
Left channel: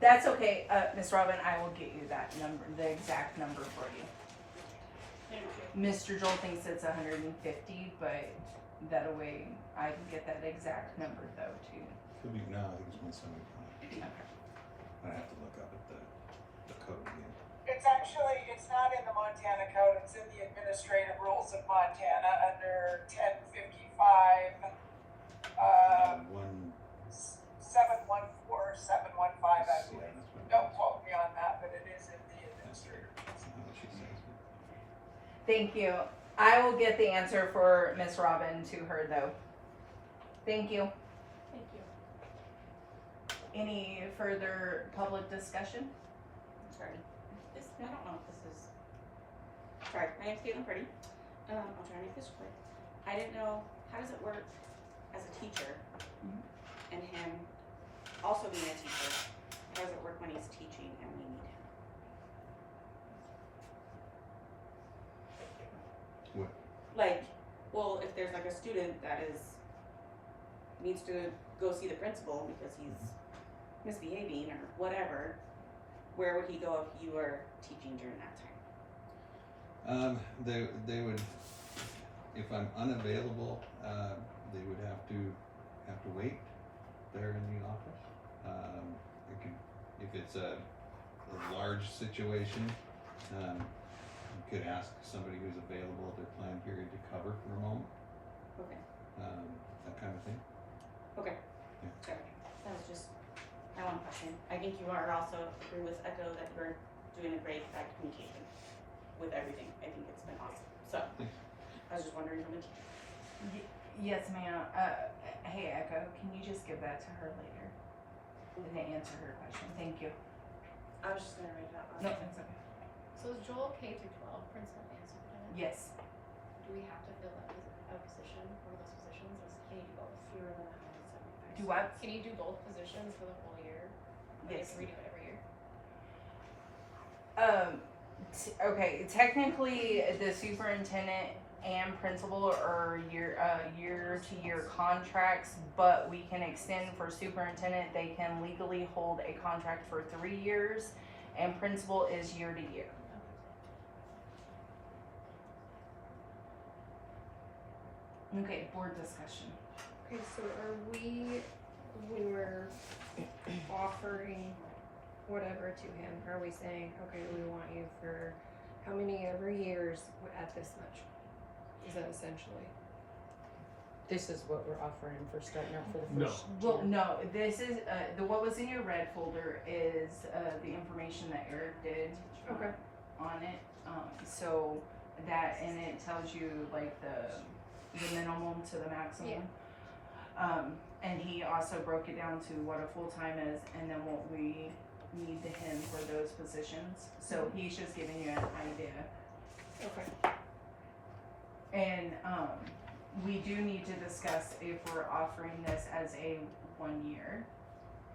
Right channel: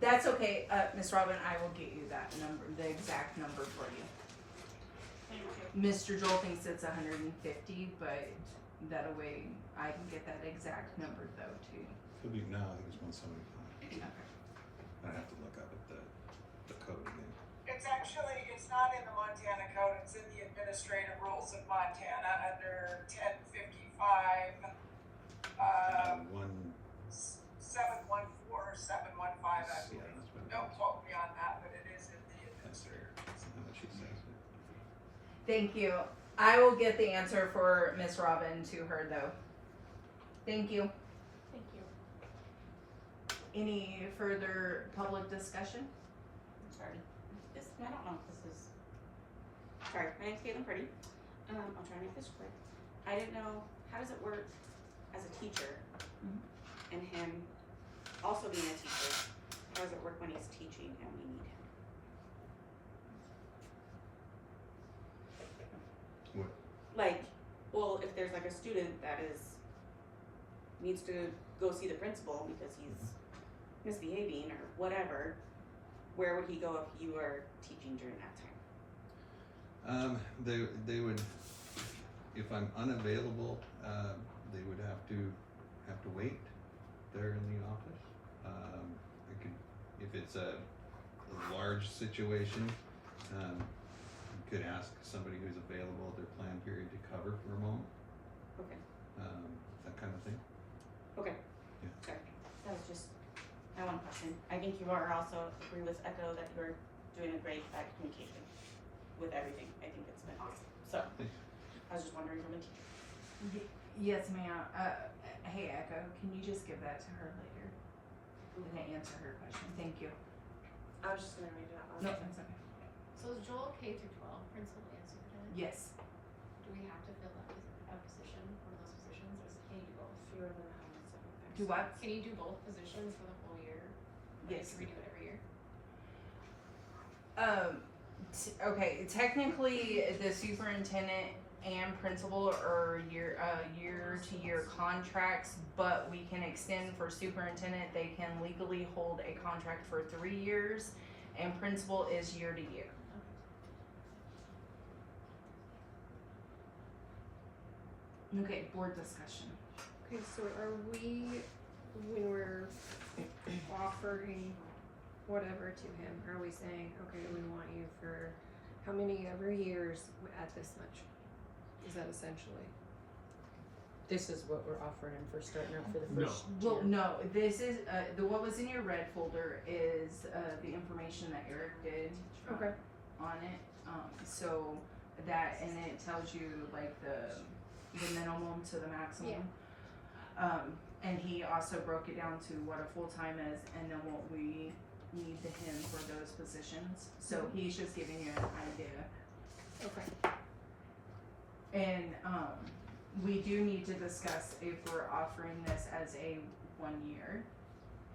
That's okay, Miss Robin, I will get you that number, the exact number for you. Thank you. Mr. Joel thinks it's 150, but that way I can get that exact number though too. Could be, no, I think it was 175. I have to look up at the code again. It's not in the Montana code, it's in the administrative rules of Montana under 1055, One, 714, 715, I yeah, believe. that's what it Don't is. quote me on that, but it is in the That's administrative. that's not what she says. Thank you. I will get the answer for Miss Robin to her though. Thank you. Thank you. Any further public discussion? Sorry. I don't know if this is. Sorry, my name's Caitlin Purdy. I'll try to make this quick. I didn't know, how does it work as a teacher and him also being a teacher? How does it work when he's teaching and we need him? What? Like, well, if there's like a student that needs to go see the principal because he's misbehaving or whatever, where would he go if you were teaching during that time? They would, if I'm unavailable, they would have to wait there in the office. It could, if it's a large situation, you could ask somebody who's available at their planned period to cover for a moment. Okay. That kind of thing. Okay. Yeah. Sorry. That was just my one question. I think you are also agree with Echo that you're doing a great at communication with everything. I think it's been awesome. So I was just wondering from a teacher. Yes, ma'am. Hey, Echo, can you just give that to her later? And answer her question. Thank you. I was just gonna read that No, one. that's okay. So is Joel K through 12, principal and superintendent? Yes. Do we have to fill that a position, one of those positions, or can you do both? Fewer than 175. Do what? Can you do both positions for the whole year? Or Yes. can we do it every year? Okay, technically the superintendent and principal are year-to-year contracts, but we can extend for superintendent. They can legally hold a contract for 3 years, and principal is year-to-year. Okay, board discussion. Okay, so are we, when we're offering whatever to him, are we saying, okay, we want you for how many ever years at this much? Is that essentially? This is what we're offering for starting out for the No. first Well, year. no, this is, what was in your red folder is, the information that Eric did. Okay. on it, so that, and it tells you like the minimum to the maximum. And he also broke it down to what a full-time is and then what we need to him for those positions. So he's just giving you an idea. Okay. And, we do need to discuss if we're offering this as a 1 year,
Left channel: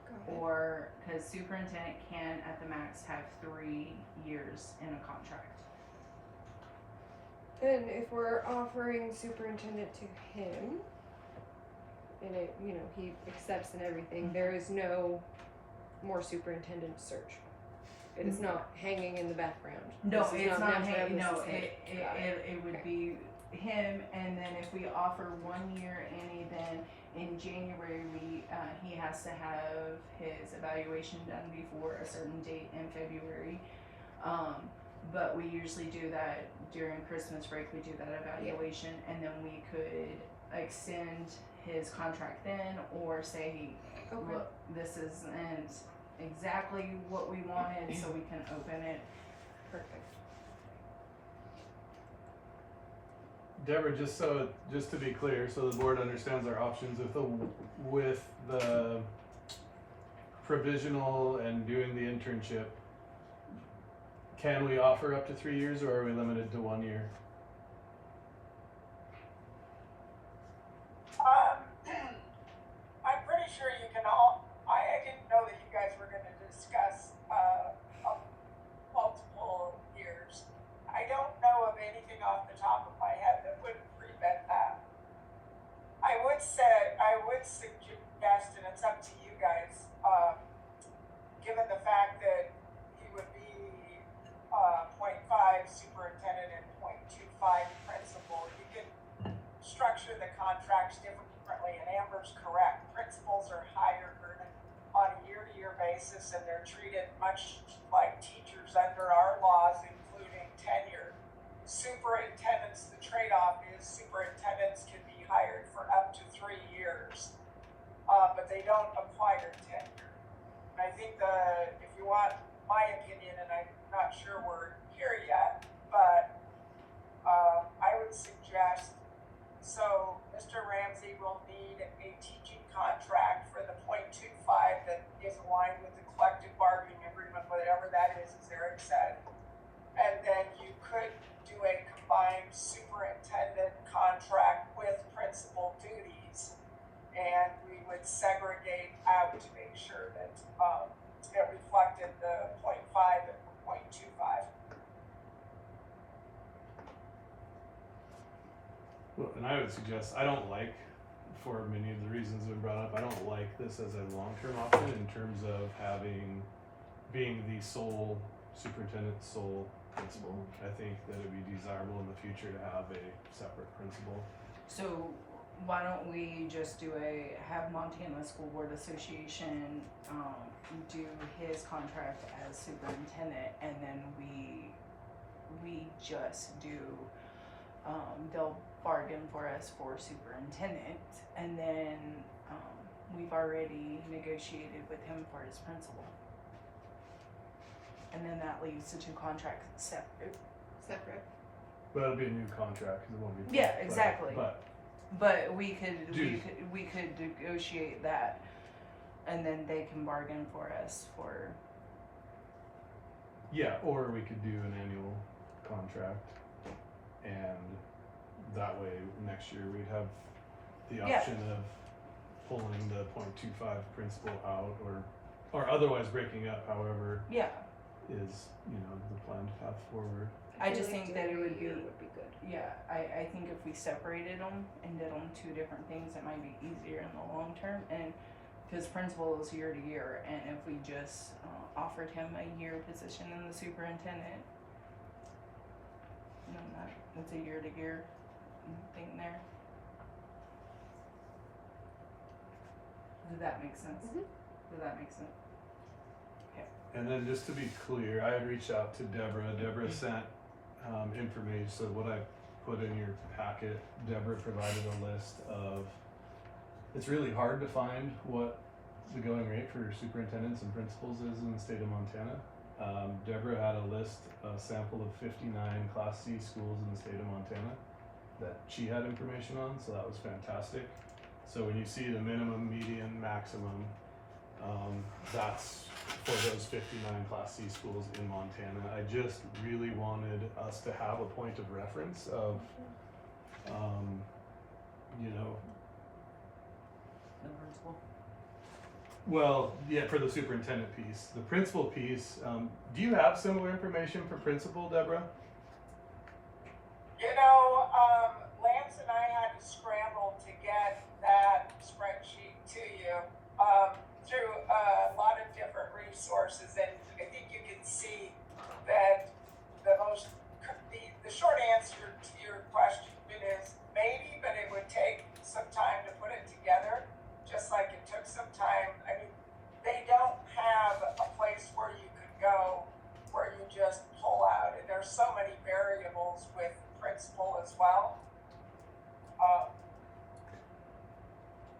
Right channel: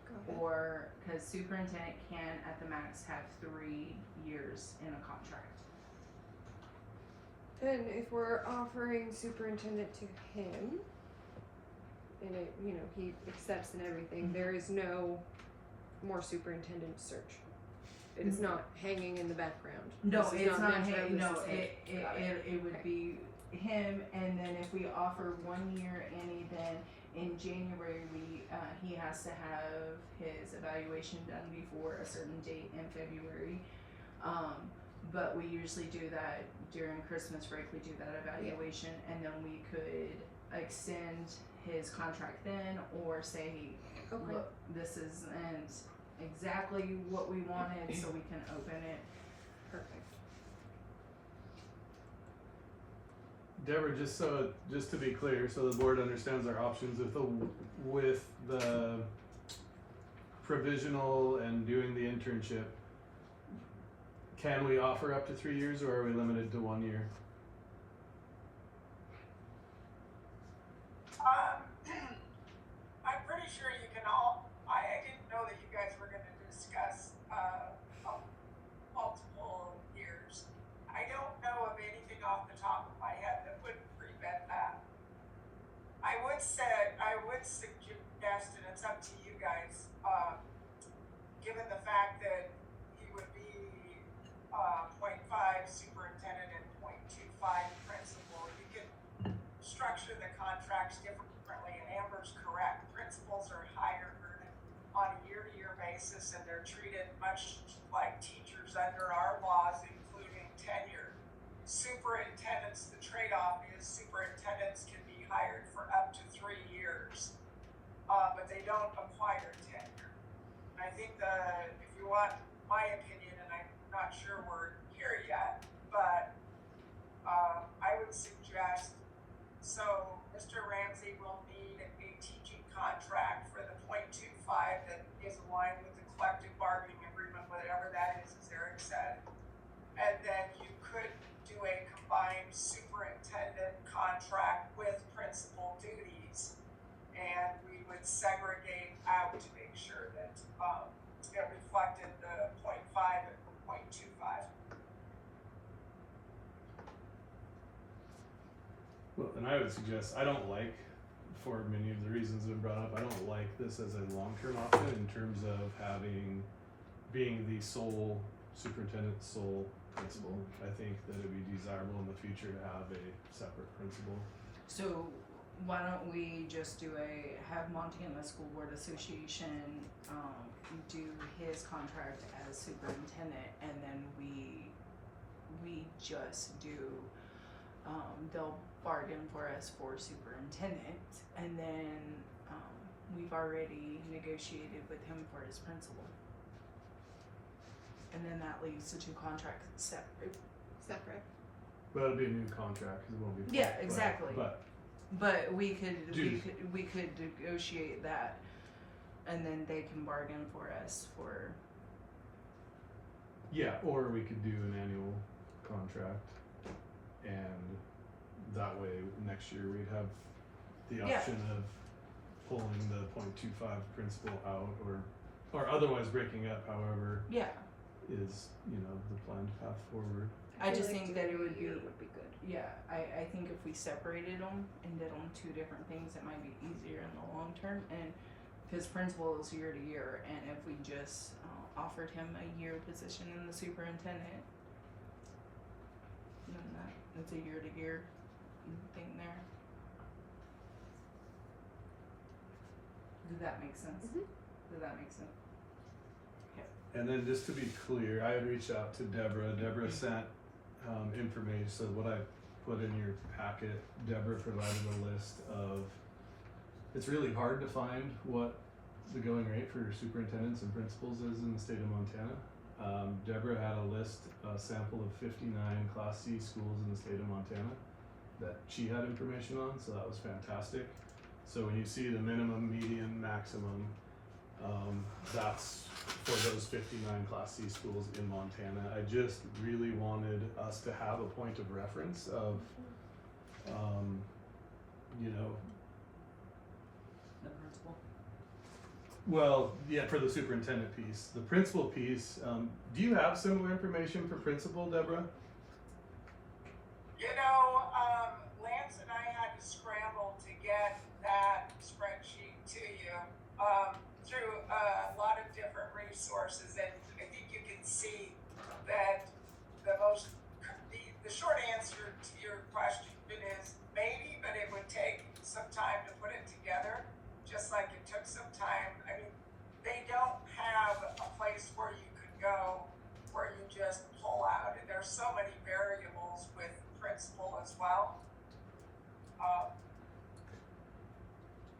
Go ahead. or, cause superintendent can at the max have 3 years in a contract. And if we're offering superintendent to him, and it, you know, he accepts and everything, there is no more superintendent search. It is not hanging in the background. No, This is it's not natural, hanging, this no, is him. Got it would Okay. be him, and then if we offer 1 year Annie, then in January, he has to have his evaluation done before a certain date in February. But we usually do that during Christmas break, we do that evaluation, and then we could extend his contract then, or say, Okay. look, this isn't exactly what we wanted, so we can open it. Perfect. Deborah, just to be clear, so the board understands our options with the provisional and doing the internship, can we offer up to 3 years, or are we limited to 1 year? I'm pretty sure you can all, I didn't know that you guys were gonna discuss, multiple years. I don't know of anything off the top of my head that would prevent that. I would suggest, and it's up to you guys, given the fact that he would be, 0.5 superintendent and 0.25 principal, you can structure the contracts differently, and Amber's correct. Principals are hired on a year-to-year basis, and they're treated much like teachers under our laws, including tenure. Superintendents, the trade-off is superintendents can be hired for up to 3 years, but they don't acquire tenure. And I think if you want my opinion, and I'm not sure we're here yet, but I would suggest, so Mr. Ramsey will need a teaching contract for the 0.25 that is aligned with the collective bargaining agreement, whatever that is, as Eric said. And then you could do a combined superintendent contract with principal duties, and we would segregate out to make sure that it reflected the 0.5 and 0.25. Well, and I would suggest, I don't like, for many of the reasons that have been brought up, I don't like this as a long-term option in terms of being the sole superintendent, sole principal. I think that it'd be desirable in the future to have a separate principal. So why don't we just have Montana School Board Association, do his contract as superintendent, and then we just do, they'll bargain for us for superintendent, and then, we've already negotiated with him for his principal. And then that leaves the two contracts separate. But it'll be a new contract, cause it won't be. Yeah, exactly. But we could Dues. we could negotiate that, and then they can bargain for us for. yeah, or we could do an annual contract, and that way next year we'd have the Yeah. option of pulling the 0.25 principal out, or otherwise breaking up, however Yeah, is, the planned path forward. I just feel like think that it doing a would be. year would be good. Yeah, I think if we separated them and did them two different things, it might be easier in the long term. And because principal is year to year, and if we just offered him a year position in the superintendent, then it's a year to year thing there. Does that make sense? Mhm. Does that make sense? And then just to be clear, I had reached out to Deborah. Deborah sent information. So what I put in your packet, Deborah provided a list of. It's really hard to find what the going rate for superintendents and principals is in the state of Montana. Deborah had a sample of 59 Class C schools in the state of Montana that she had information on, so that was fantastic. So when you see the minimum, median, maximum, that's for those 59 Class C schools in Montana. I just really wanted us to have a point of reference of, you know, The principal. well, yeah, for the superintendent piece. The principal piece, do you have similar information for principal, Deborah? You know, Lance and I had to scramble to get that spreadsheet to you through a lot of different resources, and I think you can see that the short answer to your question is maybe, but it would take some time to put it together, just like it took some time. I mean, they don't have a place where you could go where you just pull out, and there's so many variables with principal as well.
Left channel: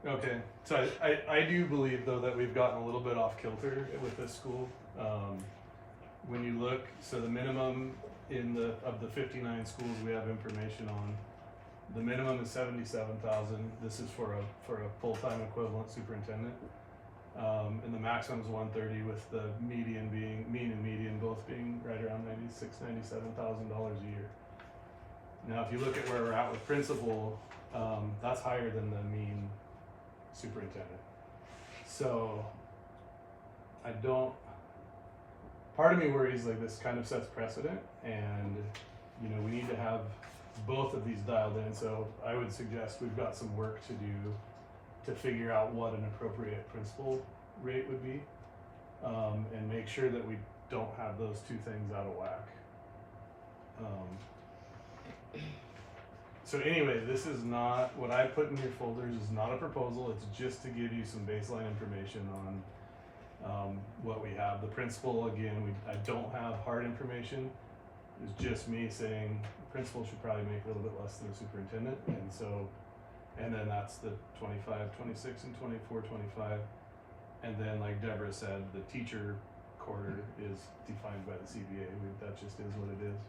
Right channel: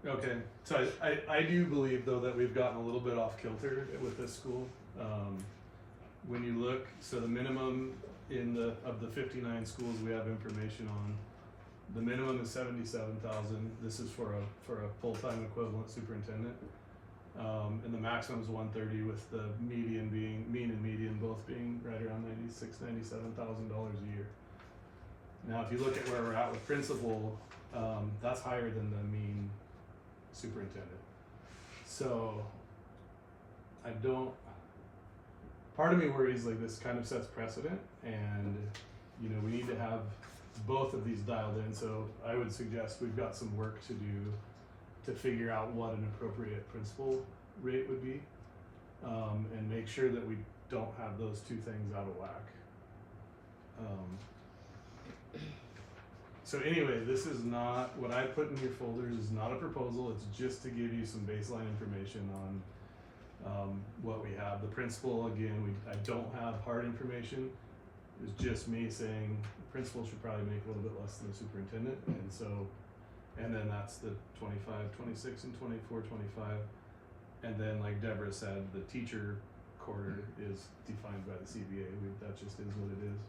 Okay, so I do believe though that we've gotten a little bit off kilter with this school. When you look, so the minimum of the 59 schools we have information on, the minimum is 77,000. This is for a full-time equivalent superintendent, and the maximum is 130, with the mean and median both being right around $97,000 a year. Now, if you look at where we're at with principal, that's higher than the mean superintendent. So part of me worries like this kind of sets precedent, and you know, we need to have both of these dialed in. So I would suggest we've got some work to do to figure out what an appropriate principal rate would be, and make sure that we don't have those two things out of whack. So anyway, this is not, what I put in your folders is not a proposal, it's just to give you some baseline information on what we have. The principal, again, I don't have hard information. It's just me saying the principal should probably make a little bit less than the superintendent, and then that's the 25, 26, and 24, 25. And then like Deborah said, the teacher quarter is defined by the CBA. That just is what it is.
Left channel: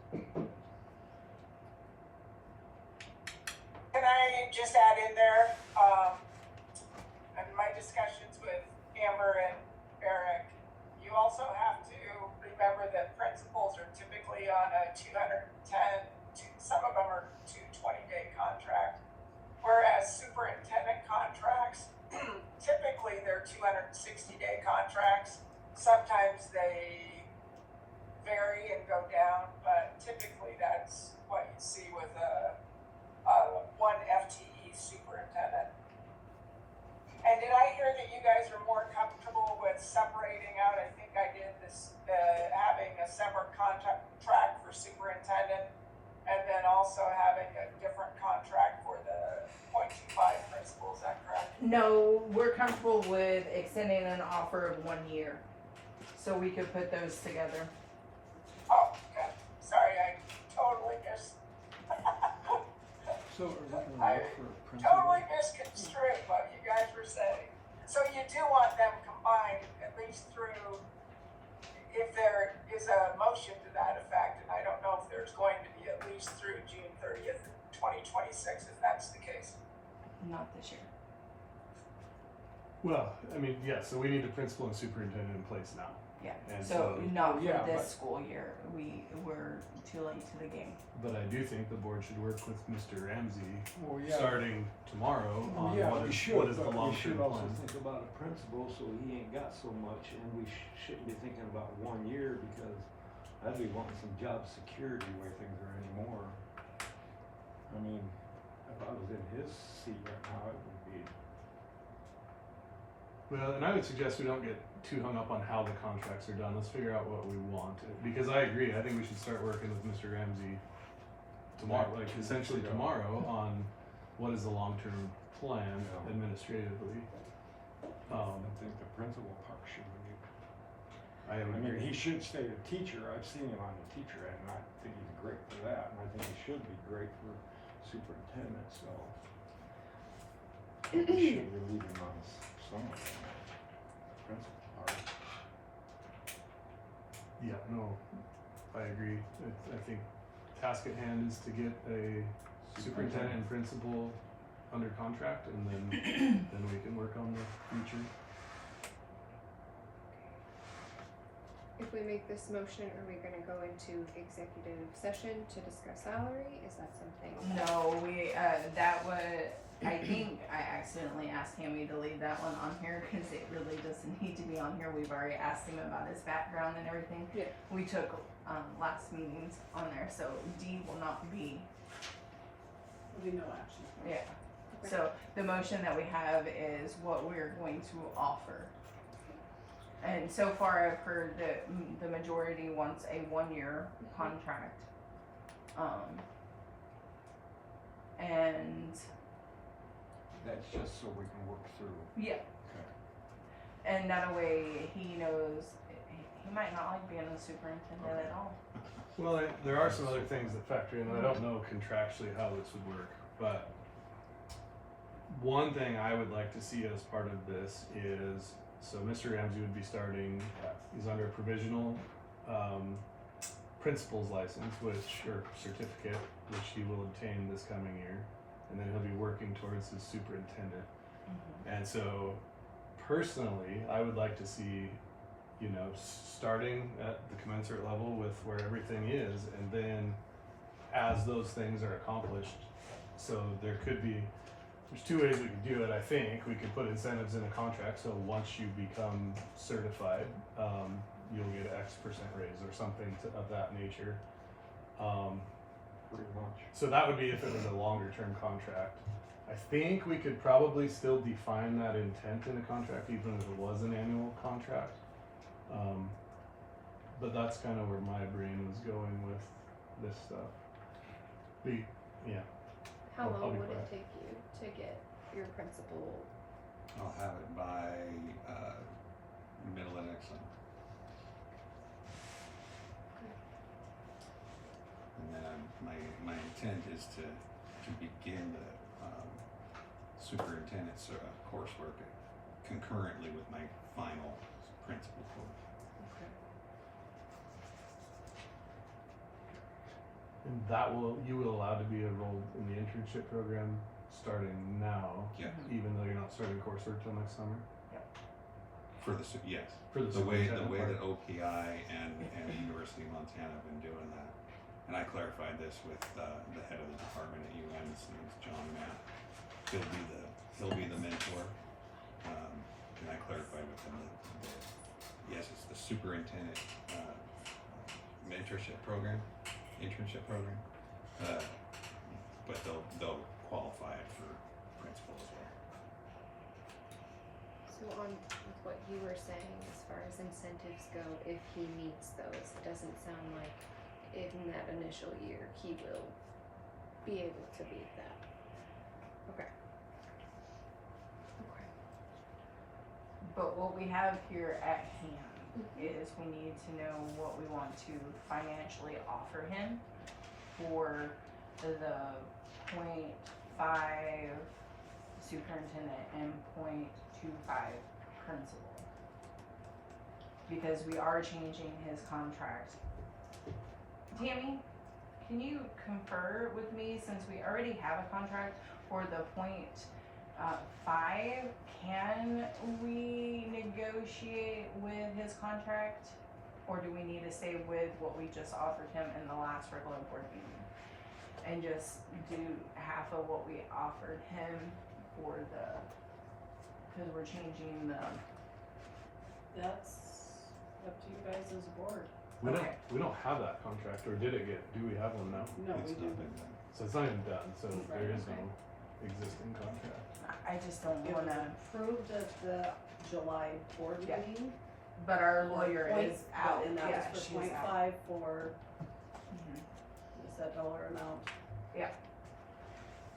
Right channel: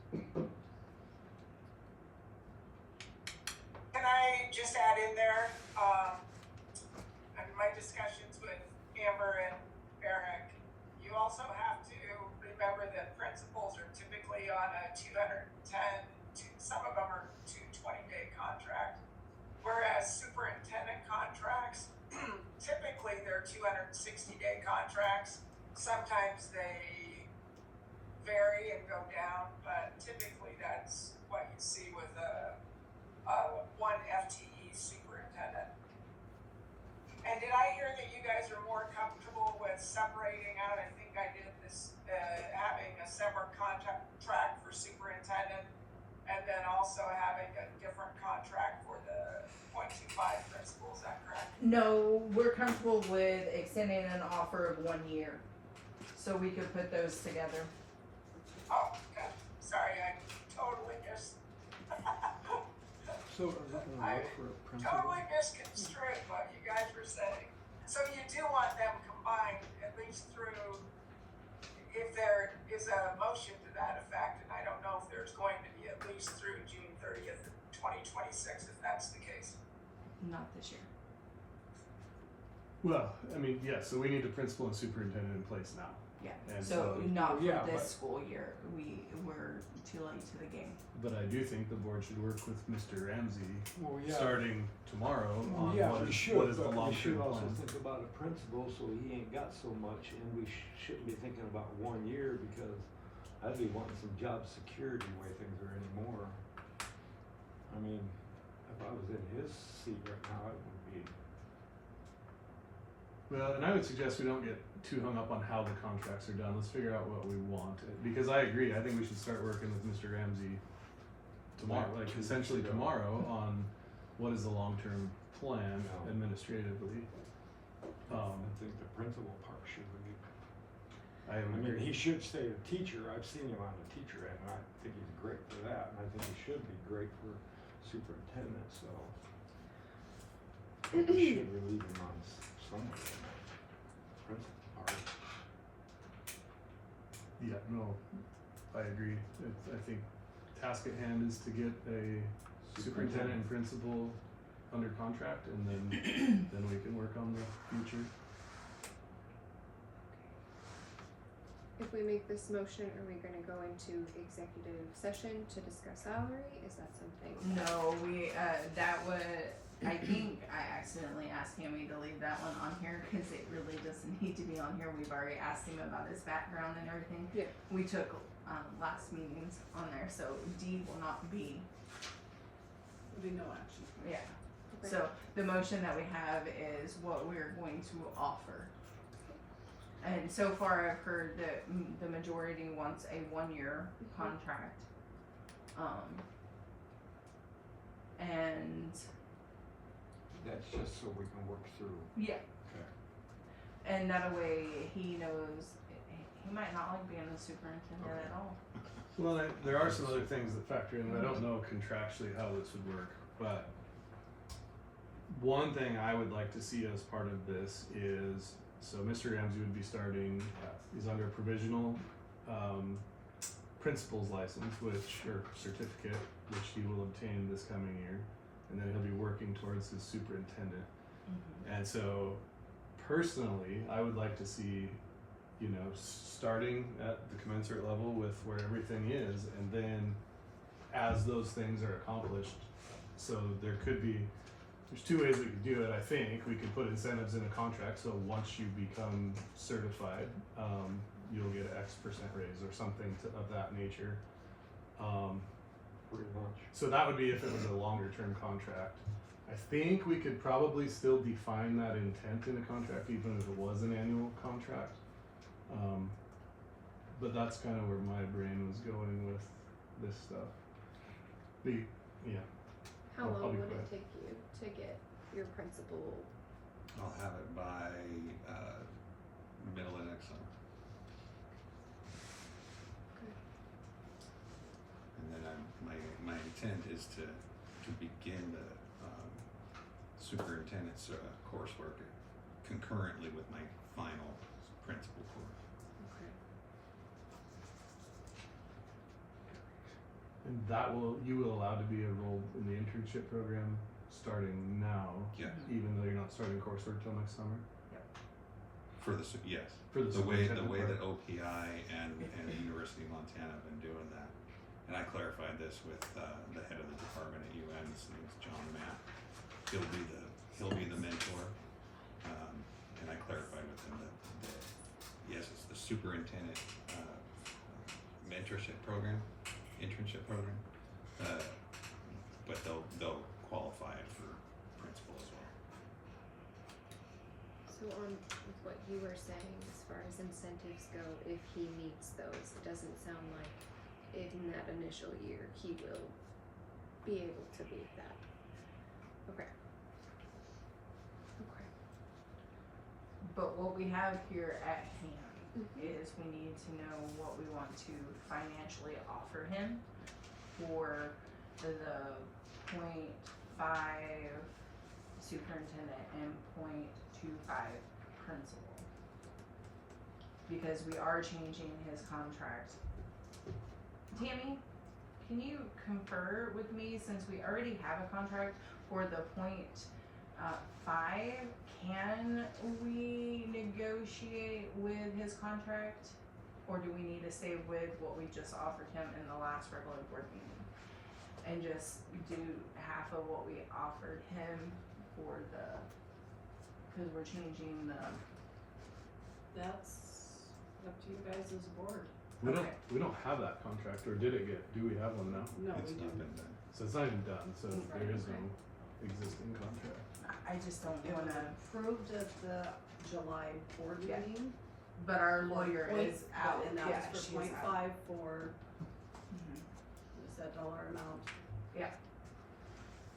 Can I just add in there, in my discussions with Amber and Eric, you also have to remember that principals are typically on a 210, some of them are 220-day contract, whereas superintendent contracts, typically they're 260-day contracts. Sometimes they vary and go down, but typically that's what you see with one FTE superintendent. And did I hear that you guys are more comfortable with separating out? I think I did this, having a separate contract for superintendent, and then also having a different contract for the 0.25 principal. Is that correct? No, we're comfortable with extending an offer of 1 year, so we could put those together. Oh, okay. Sorry, I totally missed. So are we gonna I look for a principal? totally misconstrued what you guys were saying. So you do want them combined at least through, if there is a motion to that effect, and I don't know if there's going to be at least through June 30th, 2026, if that's the case. Not this year. Well, I mean, yeah, so we need a principal and superintendent in place now. Yeah. And So so- not for Yeah, this but- school year. We're too late to the game. But I do think the board should work with Mr. Ramsey Well, yeah. starting tomorrow on Yeah, what we is should, the but we long-term should also plan. think about a principal, so he ain't got so much, and we shouldn't be thinking about 1 year, because I'd be wanting some job security the way things are anymore. I mean, if I was in his seat right now, it would be, Well, and I would suggest we don't get too hung up on how the contracts are done. Let's figure out what we want. Because I agree, I think we should start working with Mr. Ramsey tomorrow, Like like 2 weeks essentially ago. tomorrow, on what is the long-term plan Yeah. administratively. I think the principal part should be. I I would mean, agree. he should stay a teacher. I've seen him on the teacher end, and I think he's great for that, and I think he should be great for superintendent, so. We should relieve him on somewhere on that principal part. Yeah, no, I agree. I think task at hand is to get a superintendent and principal under contract, and then we can work on the future. If we make this motion, are we gonna go into executive session to discuss salary? Is that something? No, we, that would, I think I accidentally asked Tammy to leave that one on here, cause it really doesn't need to be on here, we've already asked him about his background and everything. Yeah. We took, last meetings on there, so D will not be, There'll be no action. yeah. Okay. So the motion that we have is what we're going to offer. And so far I've heard that the majority wants a 1-year contract. And That's just so we can work through. yeah. Okay. And that way he knows he might not like being the superintendent at all. Well, there are some other things that factor in. I don't know contractually how this would work, but one thing I would like to see as part of this is, so Mr. Ramsey would be starting, he's under a provisional principal's license, or certificate, which he will obtain this coming year, and then he'll be working towards his superintendent. And so, personally, I would like to see, starting at the commensurate level with where everything is, and then as those things are accomplished, so there could be, there's two ways we could do it, I think. We could put incentives in a contract, so once you become certified, you'll get an X% raise or something of that nature. Pretty much. So that would be if it was a longer term contract. I think we could probably still define that intent in a contract, even if it was an annual contract. But that's kind of where my brain was going with this stuff. Yeah. How I'll long be would it quiet. take you to get your principal? I'll have it by, middle of next summer. Okay. And then my intent is to begin the, superintendent's, coursework concurrently with my final principal course. Okay. And you will allow to be enrolled in the internship program starting now, Yeah, even though you're not starting coursework till next summer? for the, yes. For the The way superintendent that part? OPI and University of Montana have been doing that. And I clarified this with, the head of the department at UN, his name's John Matt. He'll be the mentor. And I clarified with him that, yes, it's the superintendent, internship program. But they'll qualify it for principal as well. So on with what you were saying, as far as incentives go, if he meets those, it doesn't sound like in that initial year, he will be able to beat that. Okay. Okay. But what we have here at hand is we need to know what we want to financially offer him for the 0.5 superintendent and 0.25 principal. Because we are changing his contract. Tammy, can you confer with me, since we already have a contract for the 0.5, can we negotiate with his contract? Or do we need to stay with what we just offered him in the last regular board meeting? And just do half of what we offered him for cause we're changing the, That's up to you guys as a board. Okay. We don't have that contract, or do we have one now? No, It's we not do. been done. So it's not even done, so Right, there is right. no existing contract. I just don't It was wanna, approved at the July board Yeah. meeting. but our for lawyer point- is out, And that yeah, was she's for 0.5 out. for, Mhm. is that dollar amount? Yeah.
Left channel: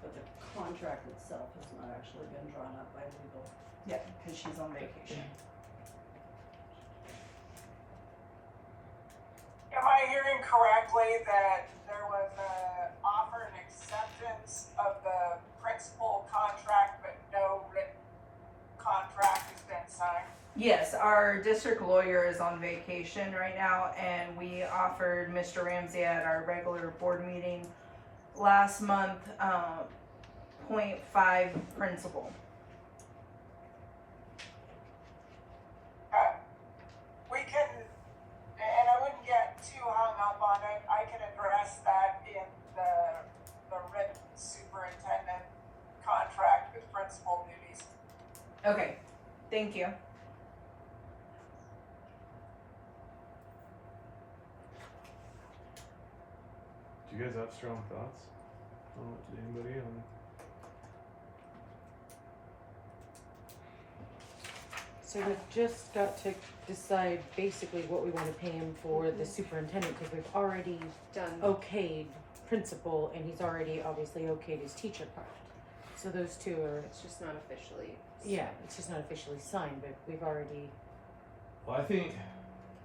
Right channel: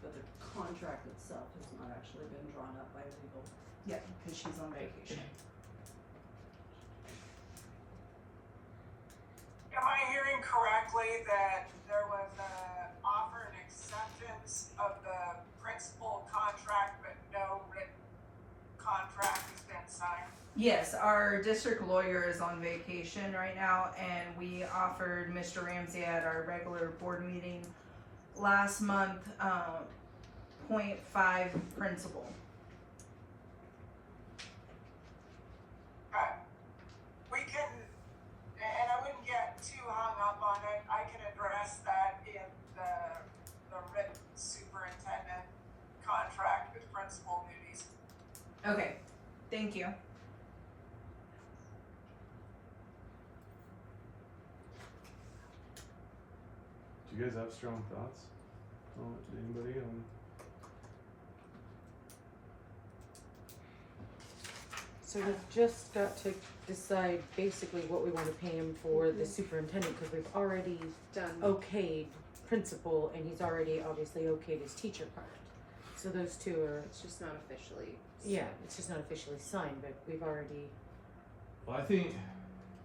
But the contract itself has not actually been drawn up by legal. Yeah, cause she's on vacation. Am I hearing correctly that there was a offer and acceptance of the principal contract, but no written contract has been signed? Yes, our district lawyer is on vacation right now, and we offered Mr. Ramsey at our regular board meeting last month, 0.5 principal. We can, and I wouldn't get too hung up on it, I can address that in the written superintendent contract with principal duties. Okay, thank you. Do you guys have strong thoughts? Anybody on? So we've just got to decide basically what we wanna pay him for the superintendent, cause we've already Done. okayed principal, and he's already obviously okayed his teacher part. So those two are, It's just not officially. yeah, it's just not officially signed, but we've already Well, I think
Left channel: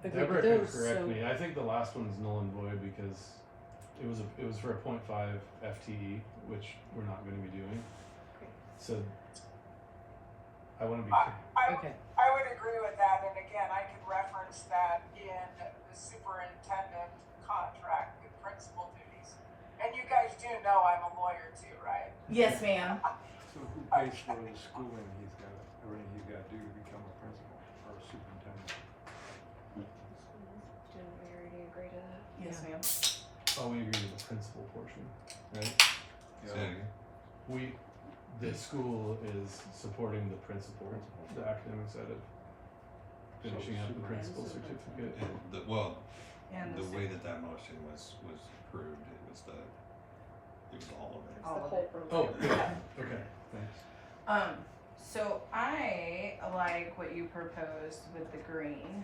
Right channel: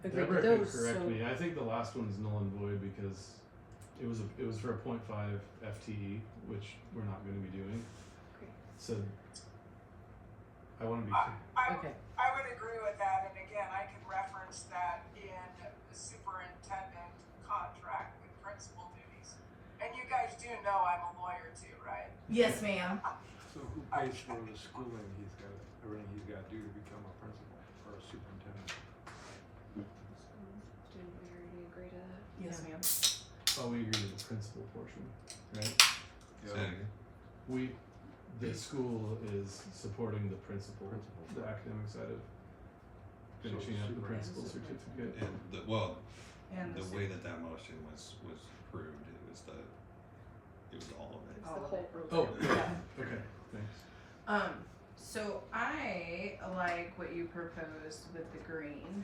agreed Deborah to can those, correct so. me. I think the last one's null and void because it was for a 0.5 FTE, which we're not going to be doing. Okay. So I want to be. Okay, I would agree with that, and again, I can reference that in the superintendent contract with principal duties. And you guys do know I'm a lawyer too, right? Yes, ma'am. So who pays for the schooling he's got, everything he's got to do to become a principal or a superintendent? Didn't we already agree to that? Yes, ma'am. Oh, we agree with the principal portion, right? Say it again. The school is supporting the principal, the academic side of finishing up the principal certificate. And And the the way that motion was approved, it was all of it. It's All the of whole it. program. Oh, yeah. Okay, thanks. So I like what you proposed with the green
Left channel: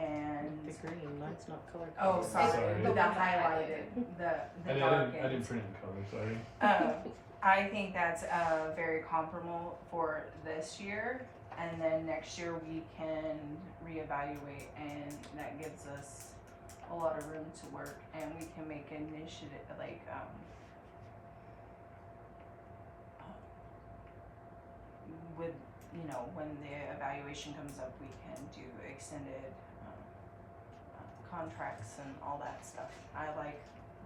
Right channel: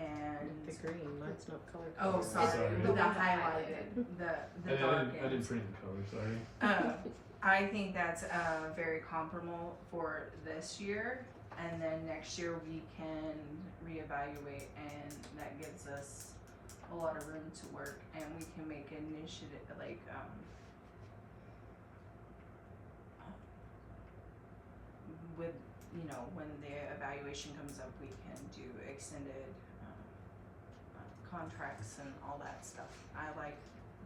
and, the green, mine's not color oh, coded. sorry, Sorry. the The one highlighted, the dark I didn't print in color, sorry. I think that's very comparable for this year, and then next year we can reevaluate, and that gives us a lot of room to work, and we can make initiative with, you know, when the evaluation comes up, we can do extended contracts and all that stuff. I like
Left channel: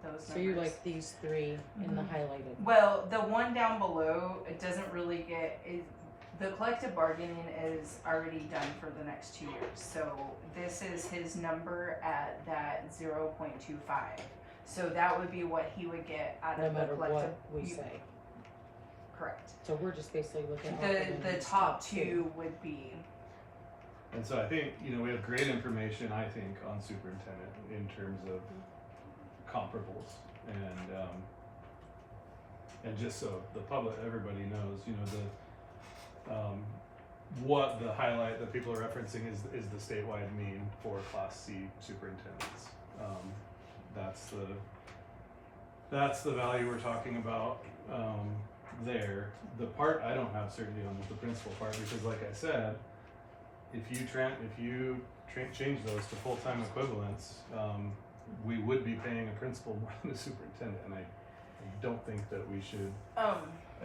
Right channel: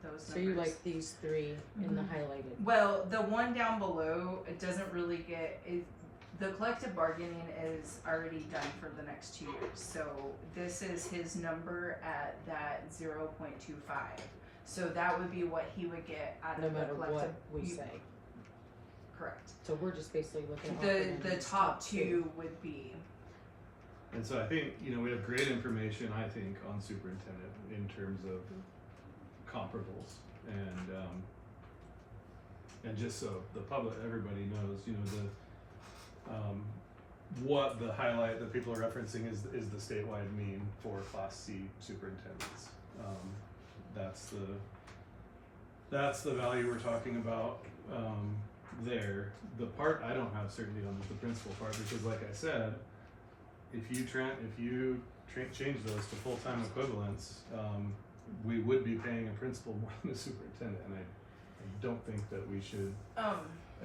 those numbers. So you like these three in the Mhm. highlighted? Well, the one down below, it doesn't really the collective bargaining is already done for the next 2 years. So this is his number at that 0.25. So that would be what he would get out No of the matter collective. what we you- say. Correct. So we're just basically looking at offering The his top two would be, And so I think, you know, we have great information, I think, on superintendent in terms of comparables and just so the public, everybody knows, you know, what the highlight that people are referencing is the statewide mean for Class C superintendents. That's the value we're talking about, there. The part I don't have certainty on is the principal part, because like I said, if you change those to full-time equivalents, we would be paying a principal more than a superintendent, and I don't think that we should, I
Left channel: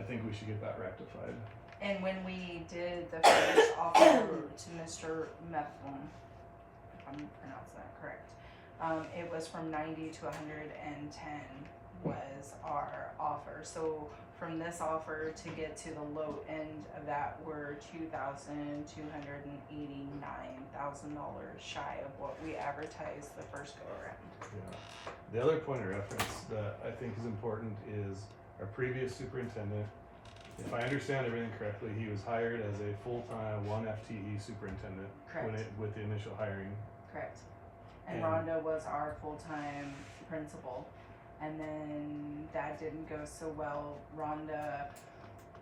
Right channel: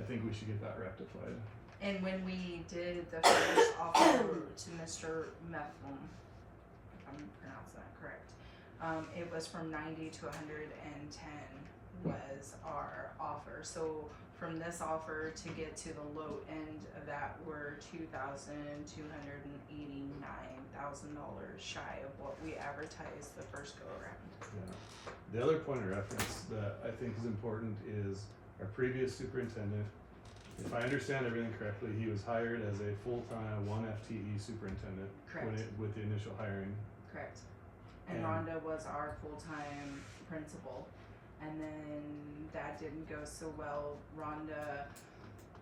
think we should get that rectified. and when we did the first offer to Mr. Methvin, if I'm pronouncing that correct, it was from 90 to 110 was our offer. So from this offer to get to the low end of that, we're $2,289,000 shy of what we advertised the first go around. Yeah. The other point of reference that I think is important is our previous superintendent. If I understand everything correctly, he was hired as a full-time 1 FTE superintendent Correct. with the initial hiring. Correct. And And- Rhonda was our full-time principal. And then that didn't go so well. Rhonda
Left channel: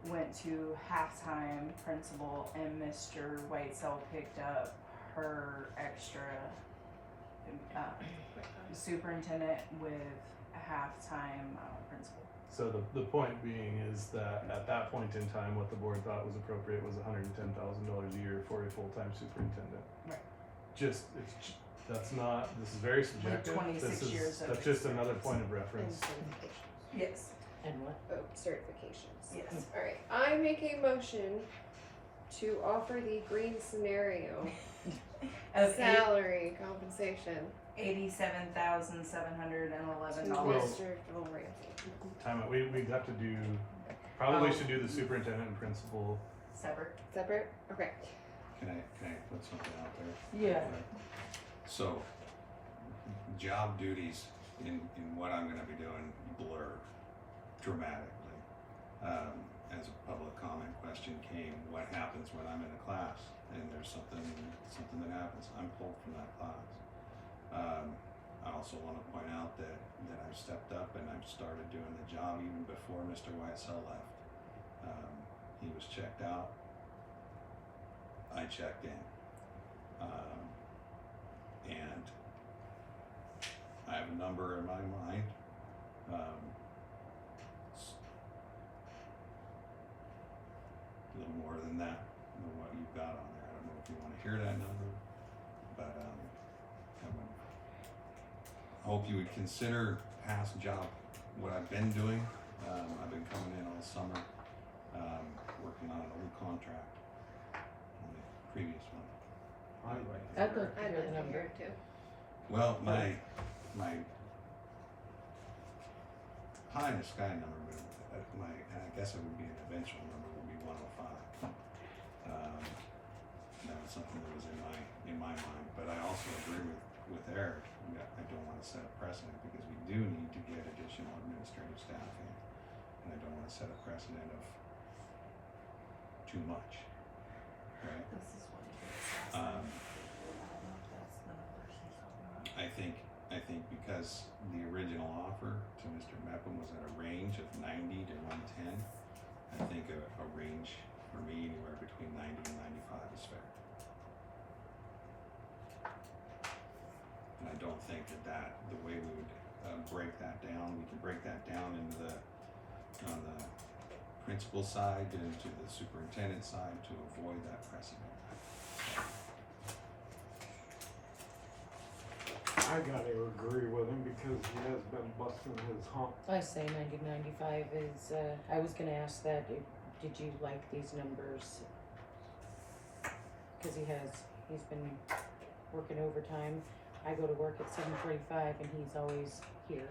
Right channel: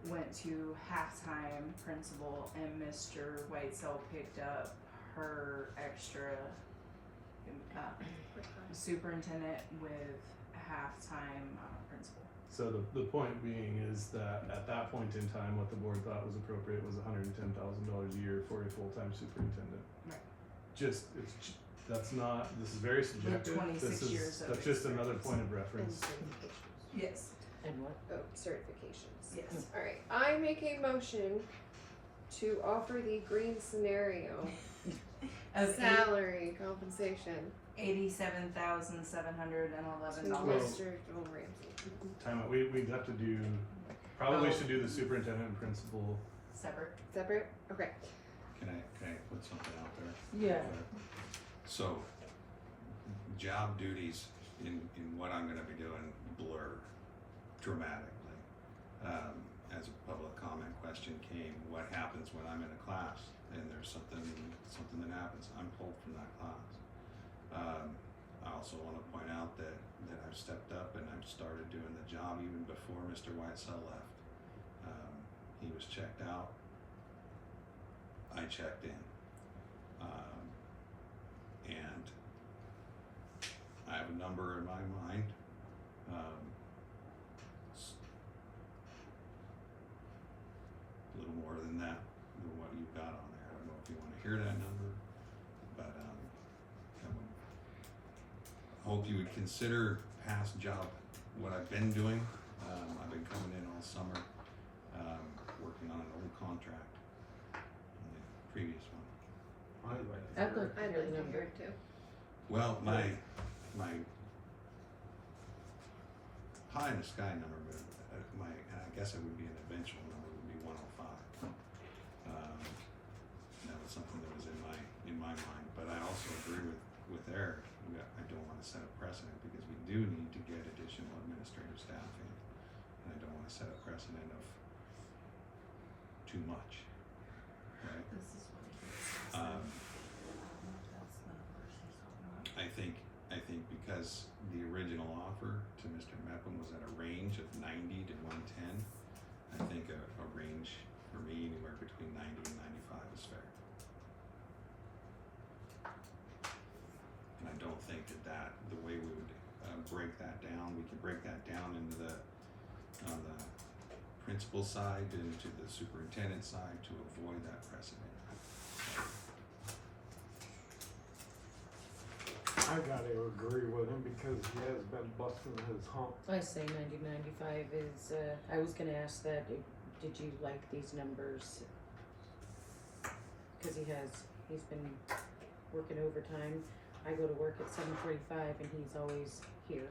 went to halftime principal, and Mr. Whitesell picked up her extra superintendent with a halftime principal. So the point being is that at that point in time, what the board thought was appropriate was $110,000 a year for a full-time superintendent. Right. This is very subjective. 26 years of That's just another experience. point of And reference. certifications. Yes. And what? Oh, certifications. Yes. Alright, I make a motion to offer the green scenario Of salary compensation $87,711. to Well- Mr. Joel Ramsey. Time out. We'd have to do, probably Oh. should do the superintendent and principal. Separate. Separate? Okay. Can I put something out there? Yeah. So, job duties in what I'm gonna be doing blur dramatically. As a public comment question came, what happens when I'm in a class and there's something that happens? I'm pulled from that class. I also wanna point out that I've stepped up and I've started doing the job even before Mr. Whitesell left. He was checked out. I checked in. And I have a number in my mind. It's a little more than that, than what you've got on there. I don't know if you want to hear that number, but I hope you would consider past job, what I've been doing. I've been coming in all summer, working on an old contract on the previous one. I'd like to I'd hear like to I'd hear like the to number. hear it too. Well, my pie in the sky number, and I guess it would be an eventual number, would be 105. That was something that was in my mind, but I also agree with Eric. I don't want to set a precedent because we do need to get additional administrative staff in, and I don't want to set a precedent of too much. Right? This is what he did. Um, I don't know if that's the numbers he's talking about. I think because the original offer to Mr. Mepham was at a range of 90 to 110, I think a range for me anywhere between 90 and 95 is fair. And I don't think that the way we would break that down, we can break that down into on the principal side and to the superintendent side to avoid that precedent. I gotta agree with him because he has been busting his hump. I say 90-95 is, I was gonna ask that, did you like these numbers? Cause he's been working overtime. I go to work at 7:45 and he's always here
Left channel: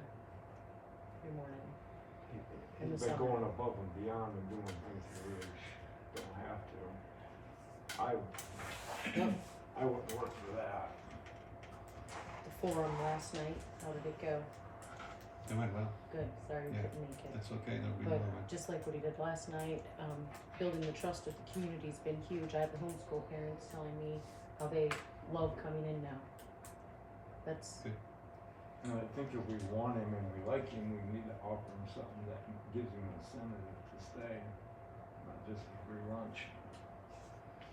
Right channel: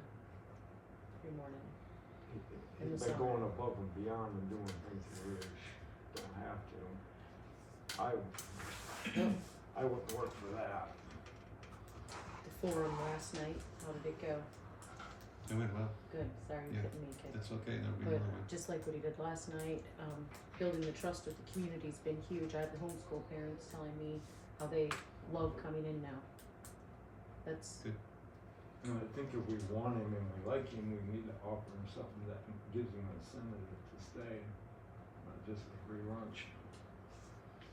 every morning. In He's the been summer. going above and beyond and doing things he really don't have to. Yep. I wouldn't work for that. The forum last night, how did it go? It went well. Good, sorry you Yeah. couldn't make it. That's okay. That'll be But more. just like what he did last night, building the trust with the community's been huge. I have the homeschool parents telling me how they love coming in now. That's, And I think if we want him and we like him, we need to offer him something that gives him an incentive to stay, not just a free lunch.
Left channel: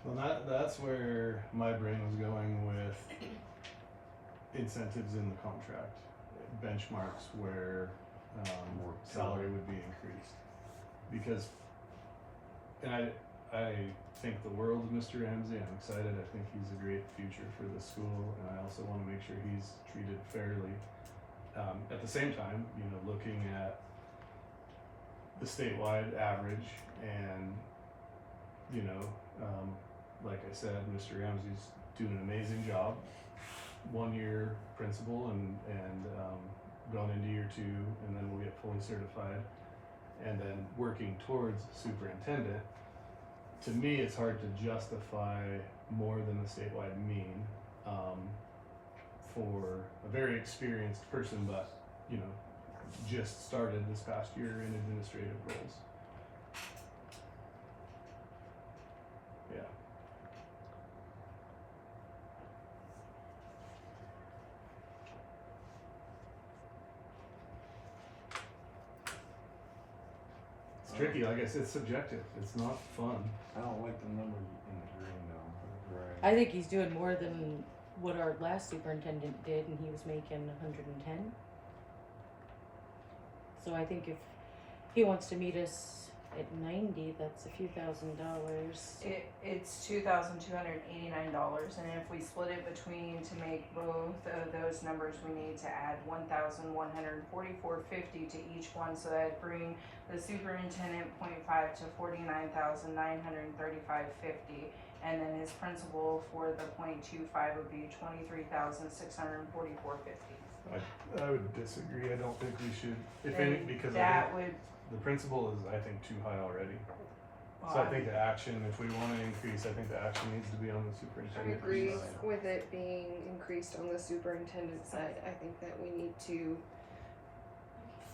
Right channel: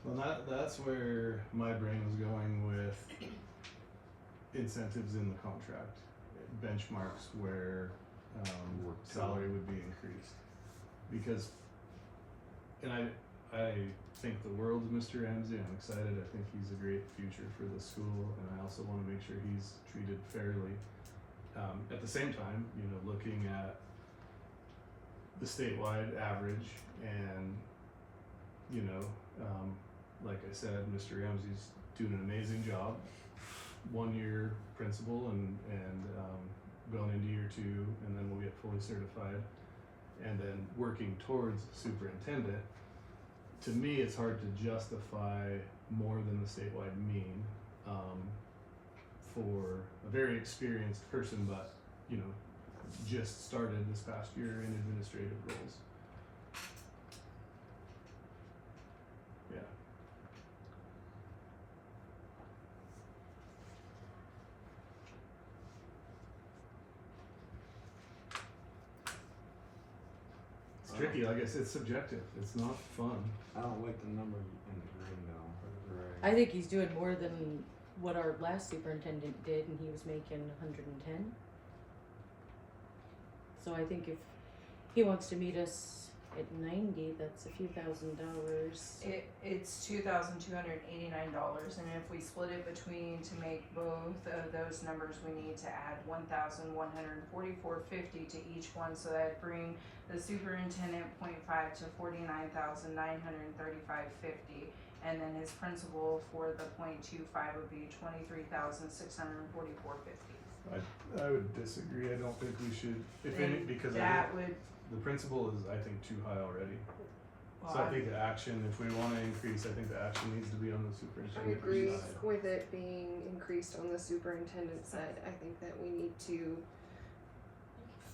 Well, that's where my brain was going with incentives in the contract, benchmarks where salary would be increased. Because, and I think the world of Mr. Ramsey. I'm excited. I think he's a great future for the school, and I also want to make sure he's treated fairly. At the same time, looking at the statewide average and, like I said, Mr. Ramsey's doing an amazing job. 1 year principal and going into year 2, and then we'll get fully certified, and then working towards superintendent. To me, it's hard to justify more than the statewide mean for a very experienced person, but just started this past year in administrative roles. Yeah. It's tricky, like I said, it's subjective. It's not fun. I don't like the number in the green though. Right. I think he's doing more than what our last superintendent did, and he was making 110. So I think if he wants to meet us At 90, that's a few $1,000s. It's $2,289, and if we split it between, to make both of those numbers, we need to add $1,144.50 to each one, so that'd bring the superintendent 0.5 to $49,935.50, and then his principal for the 0.25 would be $23,644.50. I would disagree. I don't think we should, if any, because I That think would, the principal is, I think, too high already. So well, I think the action, if we wanna increase, I think the action needs to be on the I superintendent. agree side. with it being increased on the superintendent side. I think that we need to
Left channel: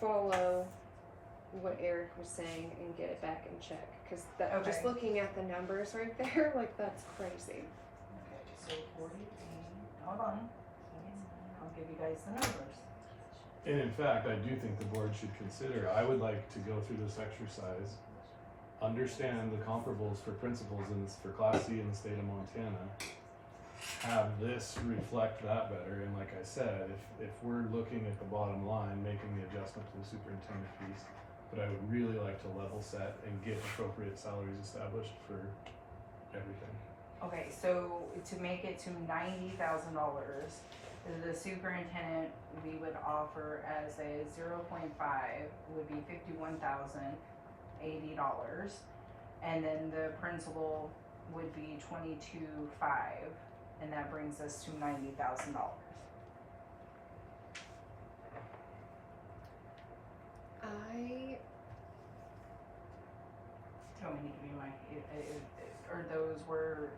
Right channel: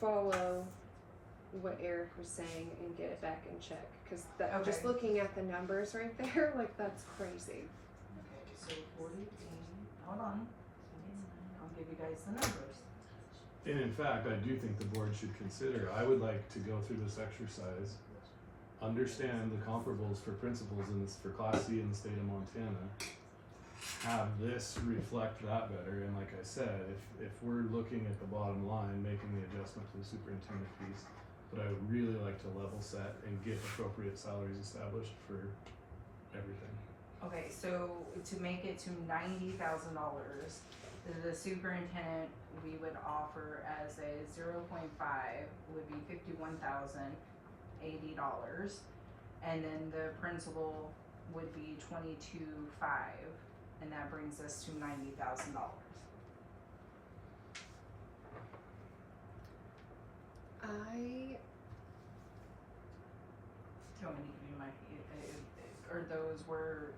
follow what Eric was saying and get it back in check. Cause that, just Okay. looking at the numbers right there, like that's crazy. okay, so 40, hold on, I'll give you guys the numbers. And in fact, I do think the board should consider, I would like to go through this exercise, understand the comparables for principals in this, for Class C in the state of Montana, have this reflect that better, and like I said, if we're looking at the bottom line, making the adjustment to the superintendent piece, but I would really like to level set and get appropriate salaries established for everything. Okay, so to make it to $90,000, the superintendent, we would offer as a 0.5 would be $51,080, and then the principal would be 22.5, and that brings us to $90,000. Do you want me to give you my, or those were,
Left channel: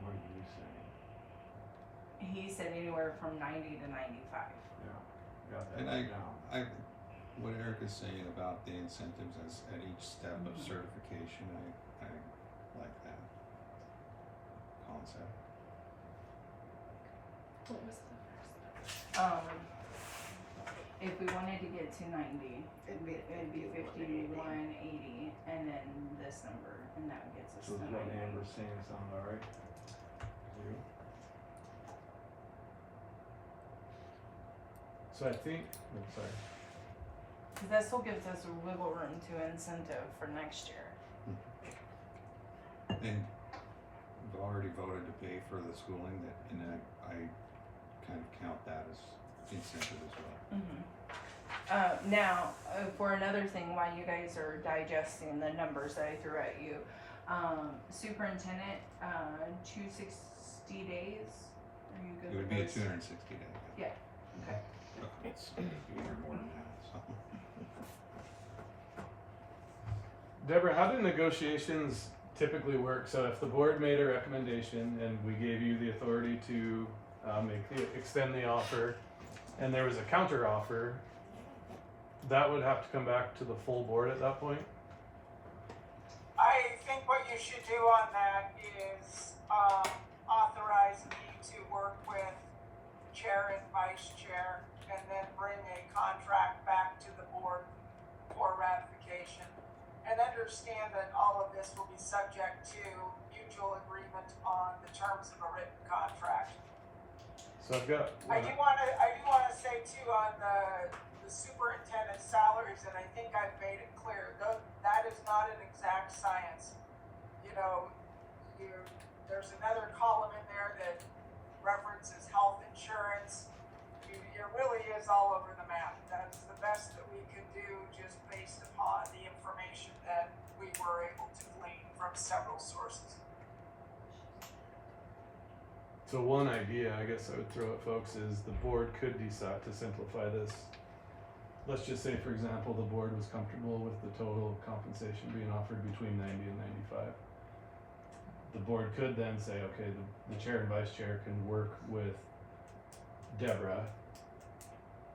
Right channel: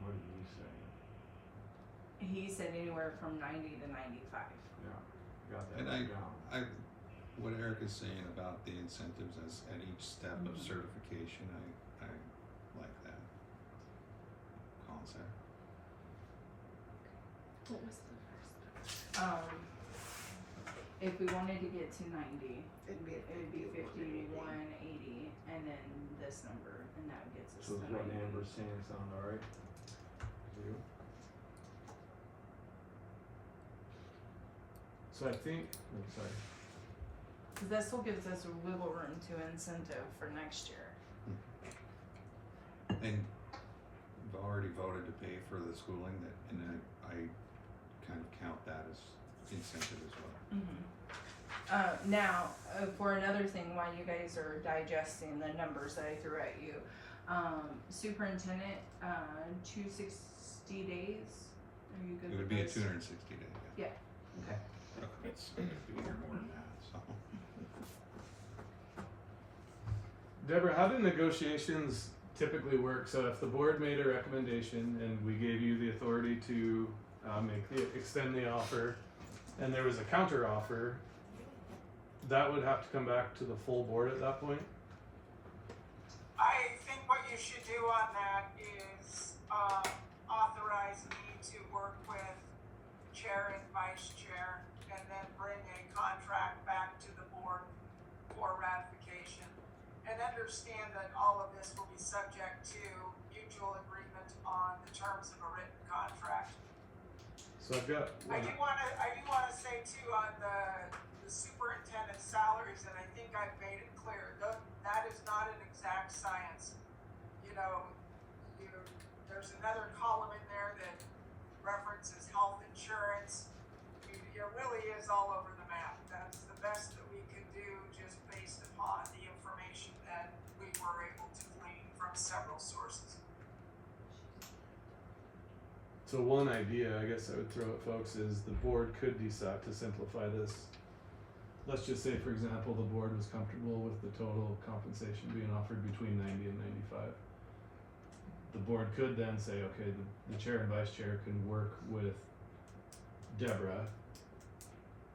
What are you saying? he said anywhere from 90 to 95. Yeah, got that And down. what Eric is saying about the incentives at each step of Mhm. certification, I like that concept. What was the first? If we wanted to get to 90, It'd be it'd be 5180, and then this number, and that gets us So to is what 90. Amber's saying sound alright? To you? So I think, I'm sorry. Cause that still gives us a wiggle room to incentive for next year. And we've already voted to pay for the schooling and I kind of count that as incentive as well. Now, for another thing, while you guys are digesting the numbers that I threw at you, superintendent, 260 days, are you good It would with be a those? 260 day. Okay. It's either more than that, so. Deborah, how do negotiations typically work? So if the board made a recommendation and we gave you the authority to extend the offer, and there was a counter offer, that would have to come back to the full board at that point? I think what you should do on that is, authorize me to work with chair and vice chair, and then bring a contract back to the board for ratification. And understand that all of this will be subject to mutual agreement on the terms of a written contract. So I've got, I do wanna say too, on the superintendent's salaries, and I think I've made it clear, that is not an exact science. You know, there's another column in there that references health insurance. It really is all over the map. That's the best that we could do, just based upon the information that we were able to glean from several sources. so one idea I guess I would throw at folks is the board could decide to simplify this. Let's just say, for example, the board was comfortable with the total compensation being offered between 90 and 95. The board could then say, okay, the chair and vice chair can work with Deborah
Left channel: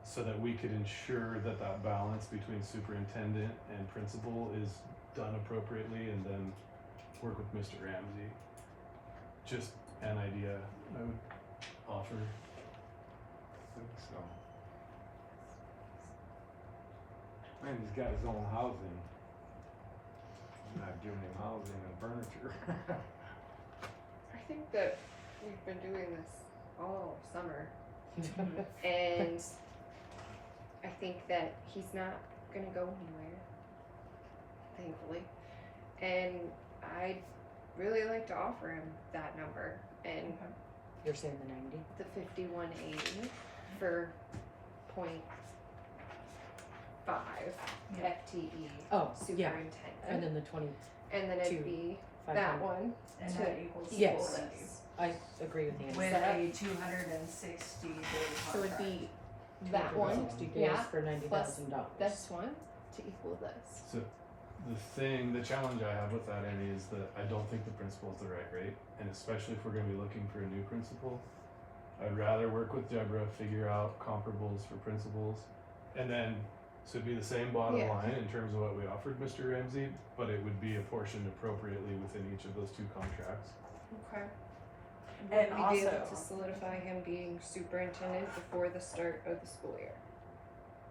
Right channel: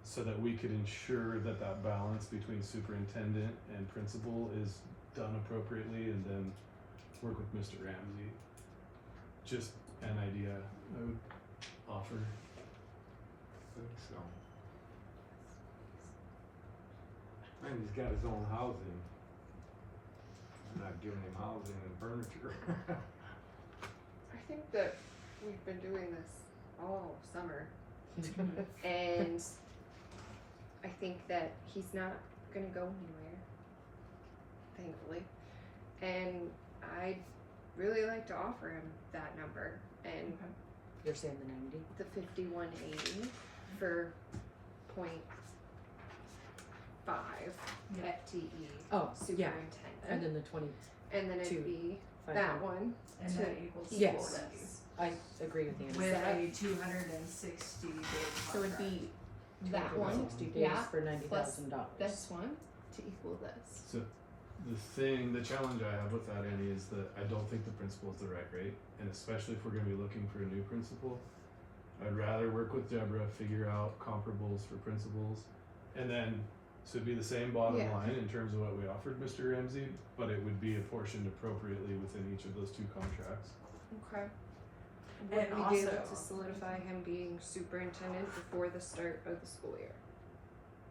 so that we could ensure that that balance between superintendent and principal is done appropriately, and then work with Mr. Ramsey. Just an idea I would offer. I think so. And he's got his own housing. I'm not giving him housing and furniture. I think that we've been doing this all summer. And I think that he's not gonna go anywhere, thankfully. And I'd really like to offer him that number and You're saying the 90? the 5180 for 0.5 Yeah. FTE Oh, yeah. superintendent. And then the 20, And then it'd to be 500. that one And to that equals Yes. 470. I agree with Nancy. With that- a 260 day so it'd contract. be that one 60 days yeah, for $90,000. this one to equal this. So the challenge I have with that, Annie, is that I don't think the principal is the right rate, and especially if we're gonna be looking for a new principal, I'd rather work with Deborah, figure out comparables for principals, and then, so it'd be the same bottom Yeah. line in terms of what we offered Mr. Ramsey, but it would be apportioned appropriately within each of those two contracts. Okay. And Would we be able also- to solidify him being superintendent before the start of the school year?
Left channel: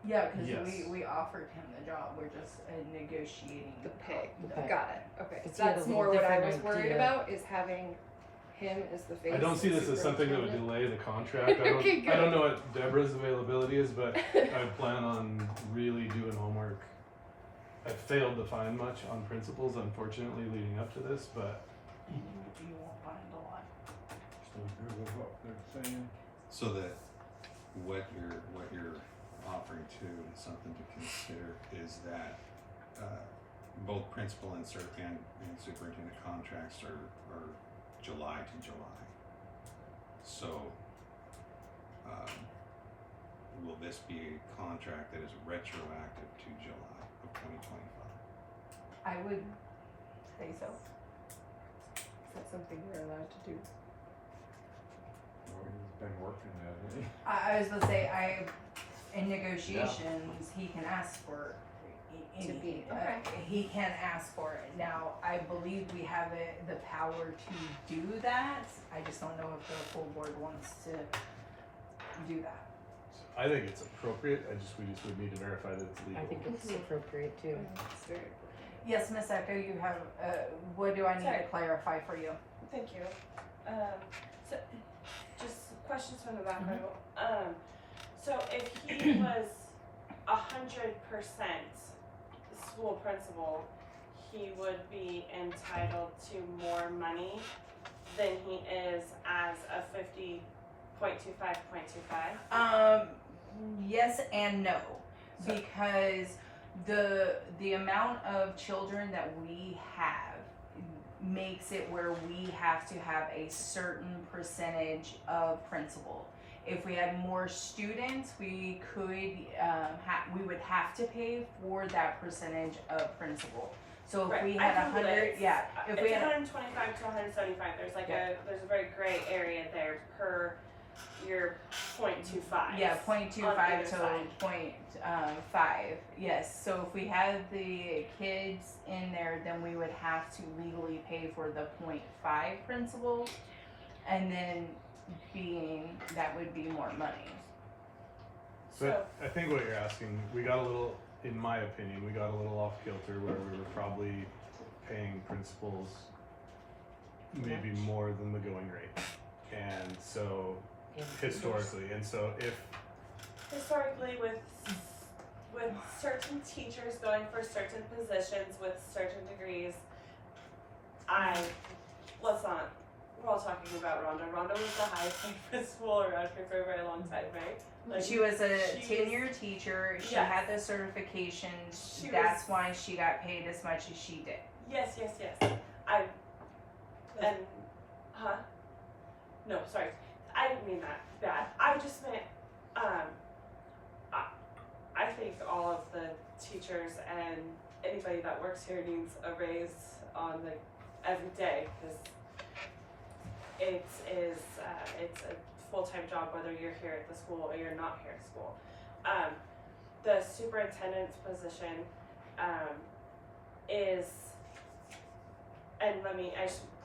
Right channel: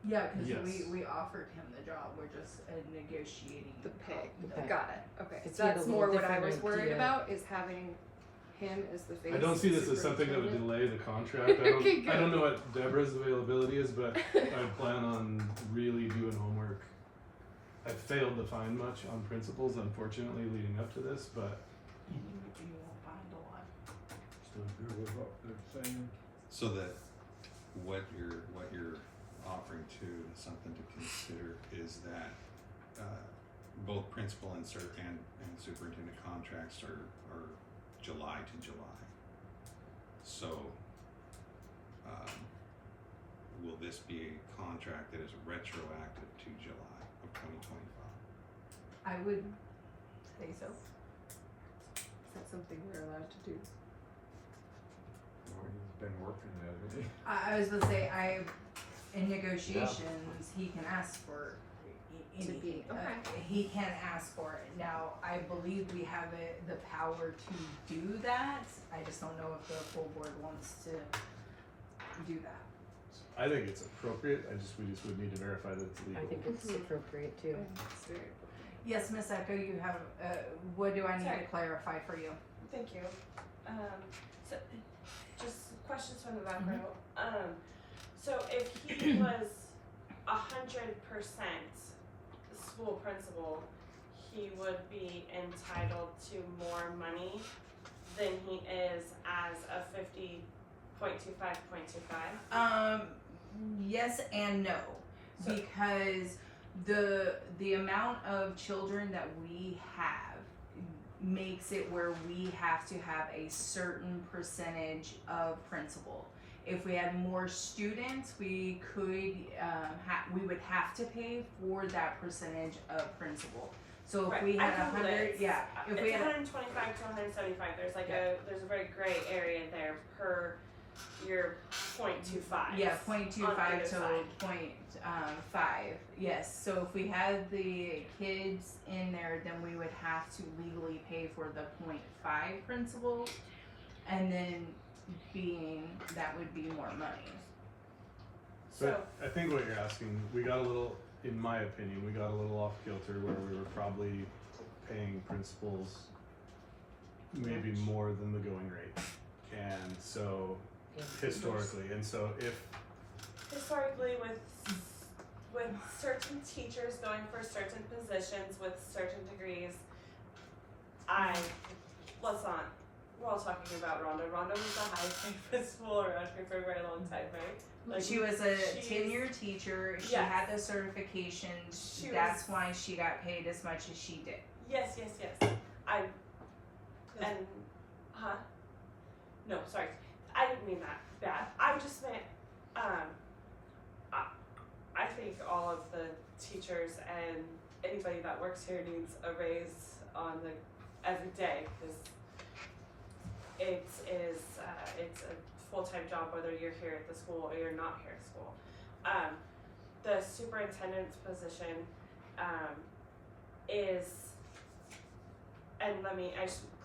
Yeah, because Yes. we offered him the job. We're just negotiating The pay. The pay. Got it. Okay. It's So he had a that's little more what I different was worried idea. about is having him as the face. I don't see and this as something that would superintendent. delay the contract. I don't, Okay, I don't good. know what Deborah's availability is, but I plan on really doing homework. I failed to find much on principals, unfortunately, leading up to this, but You won't find a lot. So agree with what they're saying. So that what you're offering to, something to consider is that, both principal and superintendent contracts are July to July. So, will this be a contract that is retroactive to July of 2025? I would say so. Is that something we're allowed to do? Well, he's been working at it. I was gonna say, in negotiations, he can ask for To be- anything. okay. He can ask for it. Now, I believe we have the power to do that. I just don't know if the full board wants to do that. I think it's appropriate. We just would need to verify that it's legal. I think it's Mhm. appropriate too. It's very Yes, Miss Echo, you have, what do I need to Sorry. clarify for you? Thank you. So, just questions from the back row. So if he was 100% school principal, he would be entitled to more money than he is as a 50.25.25. Yes and no, So- because the amount of children that we have makes it where we have to have a certain percentage of principal. If we had more students, we could we would have to pay for that percentage of principal. So if Right, we I had can do 100, this. yeah, if It's we had 125 to 175. There's like there's a very gray area there per your 0.25. yeah, 0.25 either to side. 0.5. Yes. So if we had the kids in there, then we would have to legally pay for the 0.5 principal, and then being that would be more money. But I think what you're asking, we got a little, in my opinion, we got a little off kilter where we were probably paying principals maybe more than the going rate. And so, historically, and so if, Historically, with certain teachers going for certain positions with certain degrees, we're all talking about Rhonda. Rhonda was the highest paid principal around here for a very long time, right? Like, She was a she's- tenured teacher. She Yes. had the certifications. She That's was- why she got paid as much as she did. Yes. No, sorry. I didn't mean that bad. I just meant, I think all of the teachers and anybody that works here needs a raise on every day, because it's a full-time job whether you're here at the school or you're not here at school. The superintendent's position, is, and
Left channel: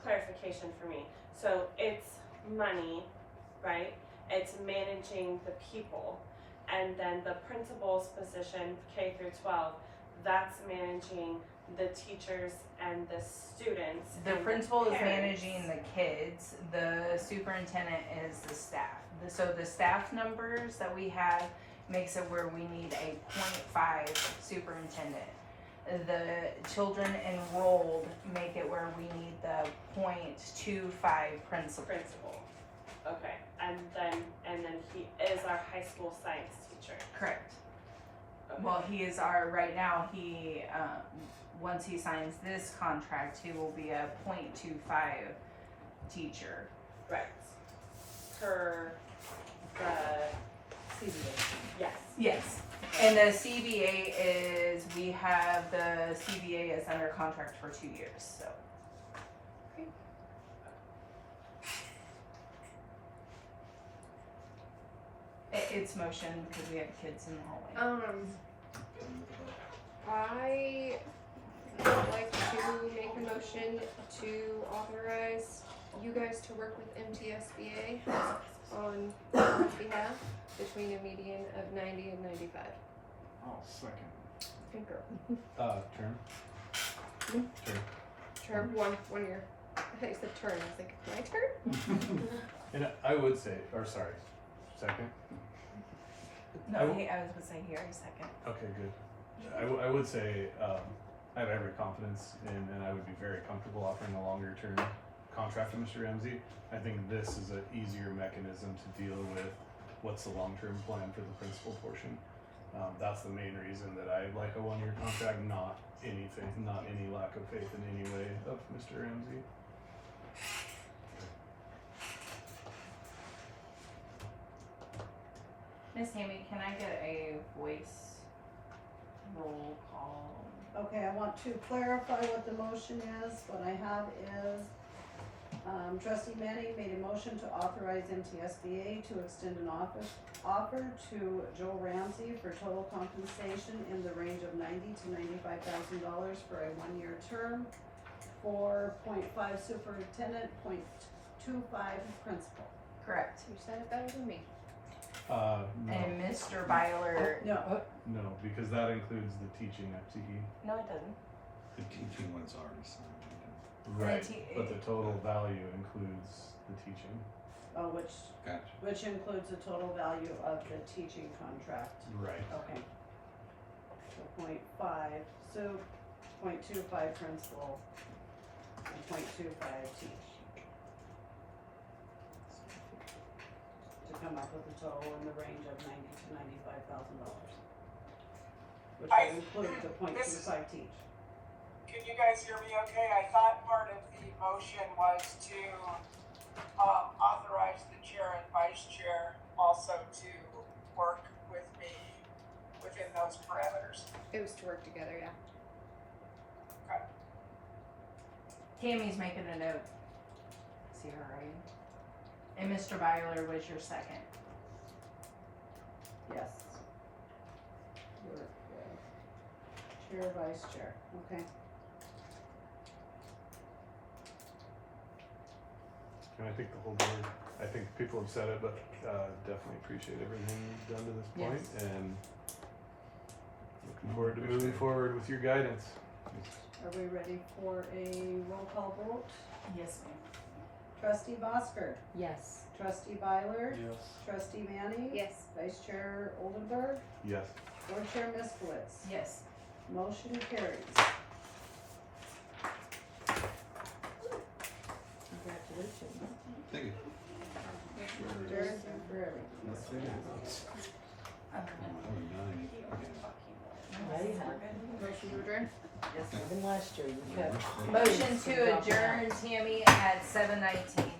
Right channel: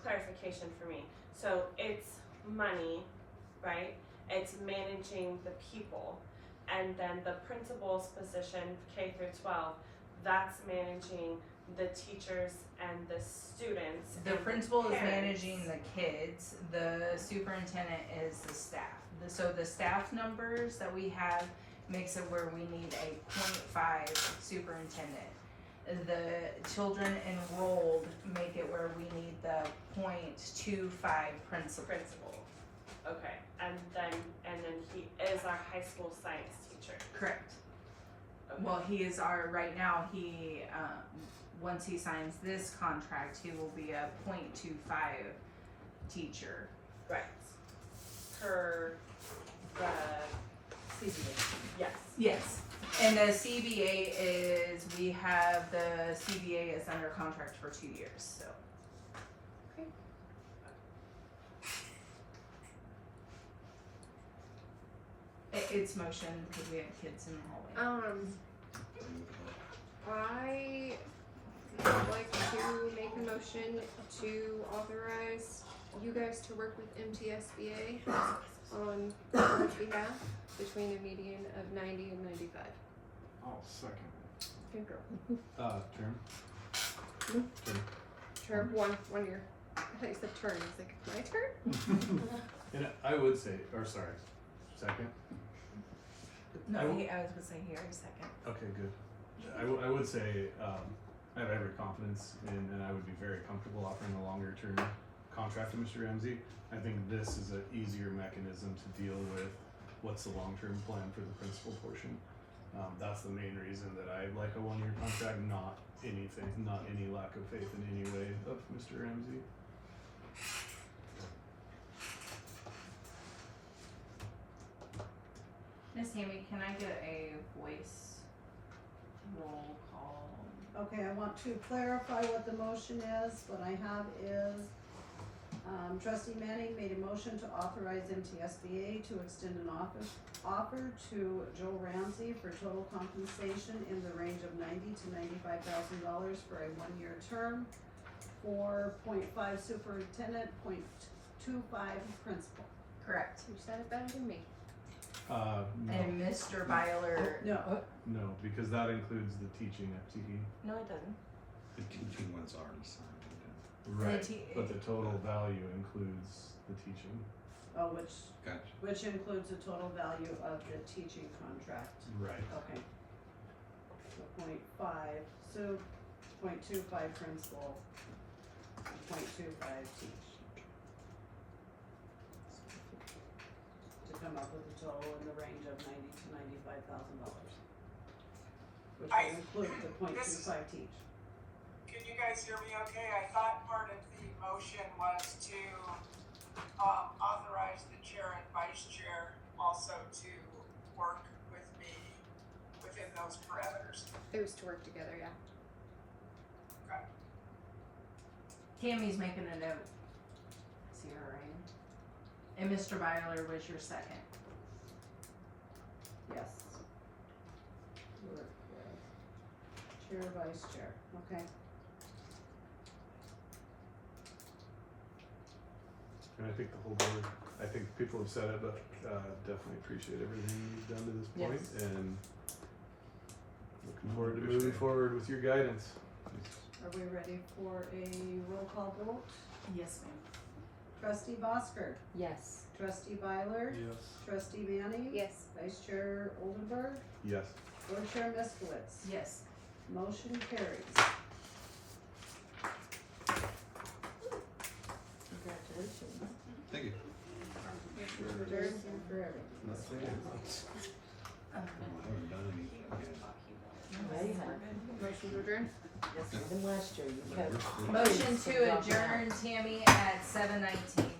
clarification for me. So it's money, right? It's managing the people. And then the principal's position, K through 12, that's managing the teachers and the students. The and principal is parents. managing the kids. The superintendent is the staff. So the staff numbers that we have makes it where we need a 0.5 superintendent. The children enrolled make it where we need the 0.25 principal. Principal. Okay, and then he is our high school science teacher. Correct. Okay. Well, he is right now, once he signs this contract, he will be a 0.25 teacher. Right. Per the CBA. yes. Yes. And the CBA is, we have the CBA is under contract for 2 years, so. It's motion because we have kids in the hallway. I would like to make a motion to authorize you guys to work with MTSBA on our behalf between a median of 90 and 95. I'll second. Good girl. Term? Term. Term, 1 year. I thought you said turn. I was like, my turn? And I would say, or sorry, second? No, I w- I was gonna say he already second. Okay, good. I would say, I have every confidence in, and I would be very comfortable offering a longer term contract to Mr. Ramsey. I think this is an easier mechanism to deal with what's the long-term plan for the principal portion. That's the main reason that I like a 1 year contract, not any lack of faith in any way of Mr. Ramsey. Miss Tammy, can I get a voice roll call? Okay, I want to clarify what the motion is. What I have is, trustee Manning made a motion to authorize MTSBA to extend an offer to Joel Ramsey for total compensation in the range of $90,000 to $95,000 for a 1 year term for 0.5 superintendent, 0.25 principal. Correct. You said it better than me. No, And Mr. Byler, No, no, because that includes the teaching FTE. no it doesn't. The teaching one's already signed. Right, te- but the total value includes the teaching. Gotcha. which includes the total value of the teaching contract. Right. Okay. So 0.5, so 0.25 principal, and 0.25 teach. To come up with a total in the range of $90,000 to $95,000. Which I- will include the this- 0.25 teach. Can you guys hear me okay? I thought part of the motion was to authorize the chair and vice chair also to work with me within those parameters. It was to work together, yeah. Okay. Tammy's making a note. See her, right? And Mr. Byler was your second. Yes. You're chair, vice chair, okay. And I think the whole board, I think people have said it, but definitely appreciate everything you've done to this point, and looking forward to moving forward with your guidance. Are we ready for a roll call vote? Yes, ma'am. Trustee Bosker, Yes. trustee Byler, Yes. trustee Manning. Yes. Vice chair Oldenburg, Yes. board chair Miskowitz. Yes. Motion carries. Congratulations. Thank you. Adjourned forever. Motion to adjourn? Yes, even last year you kept. Motion to adjourn, Tammy, at 7:19.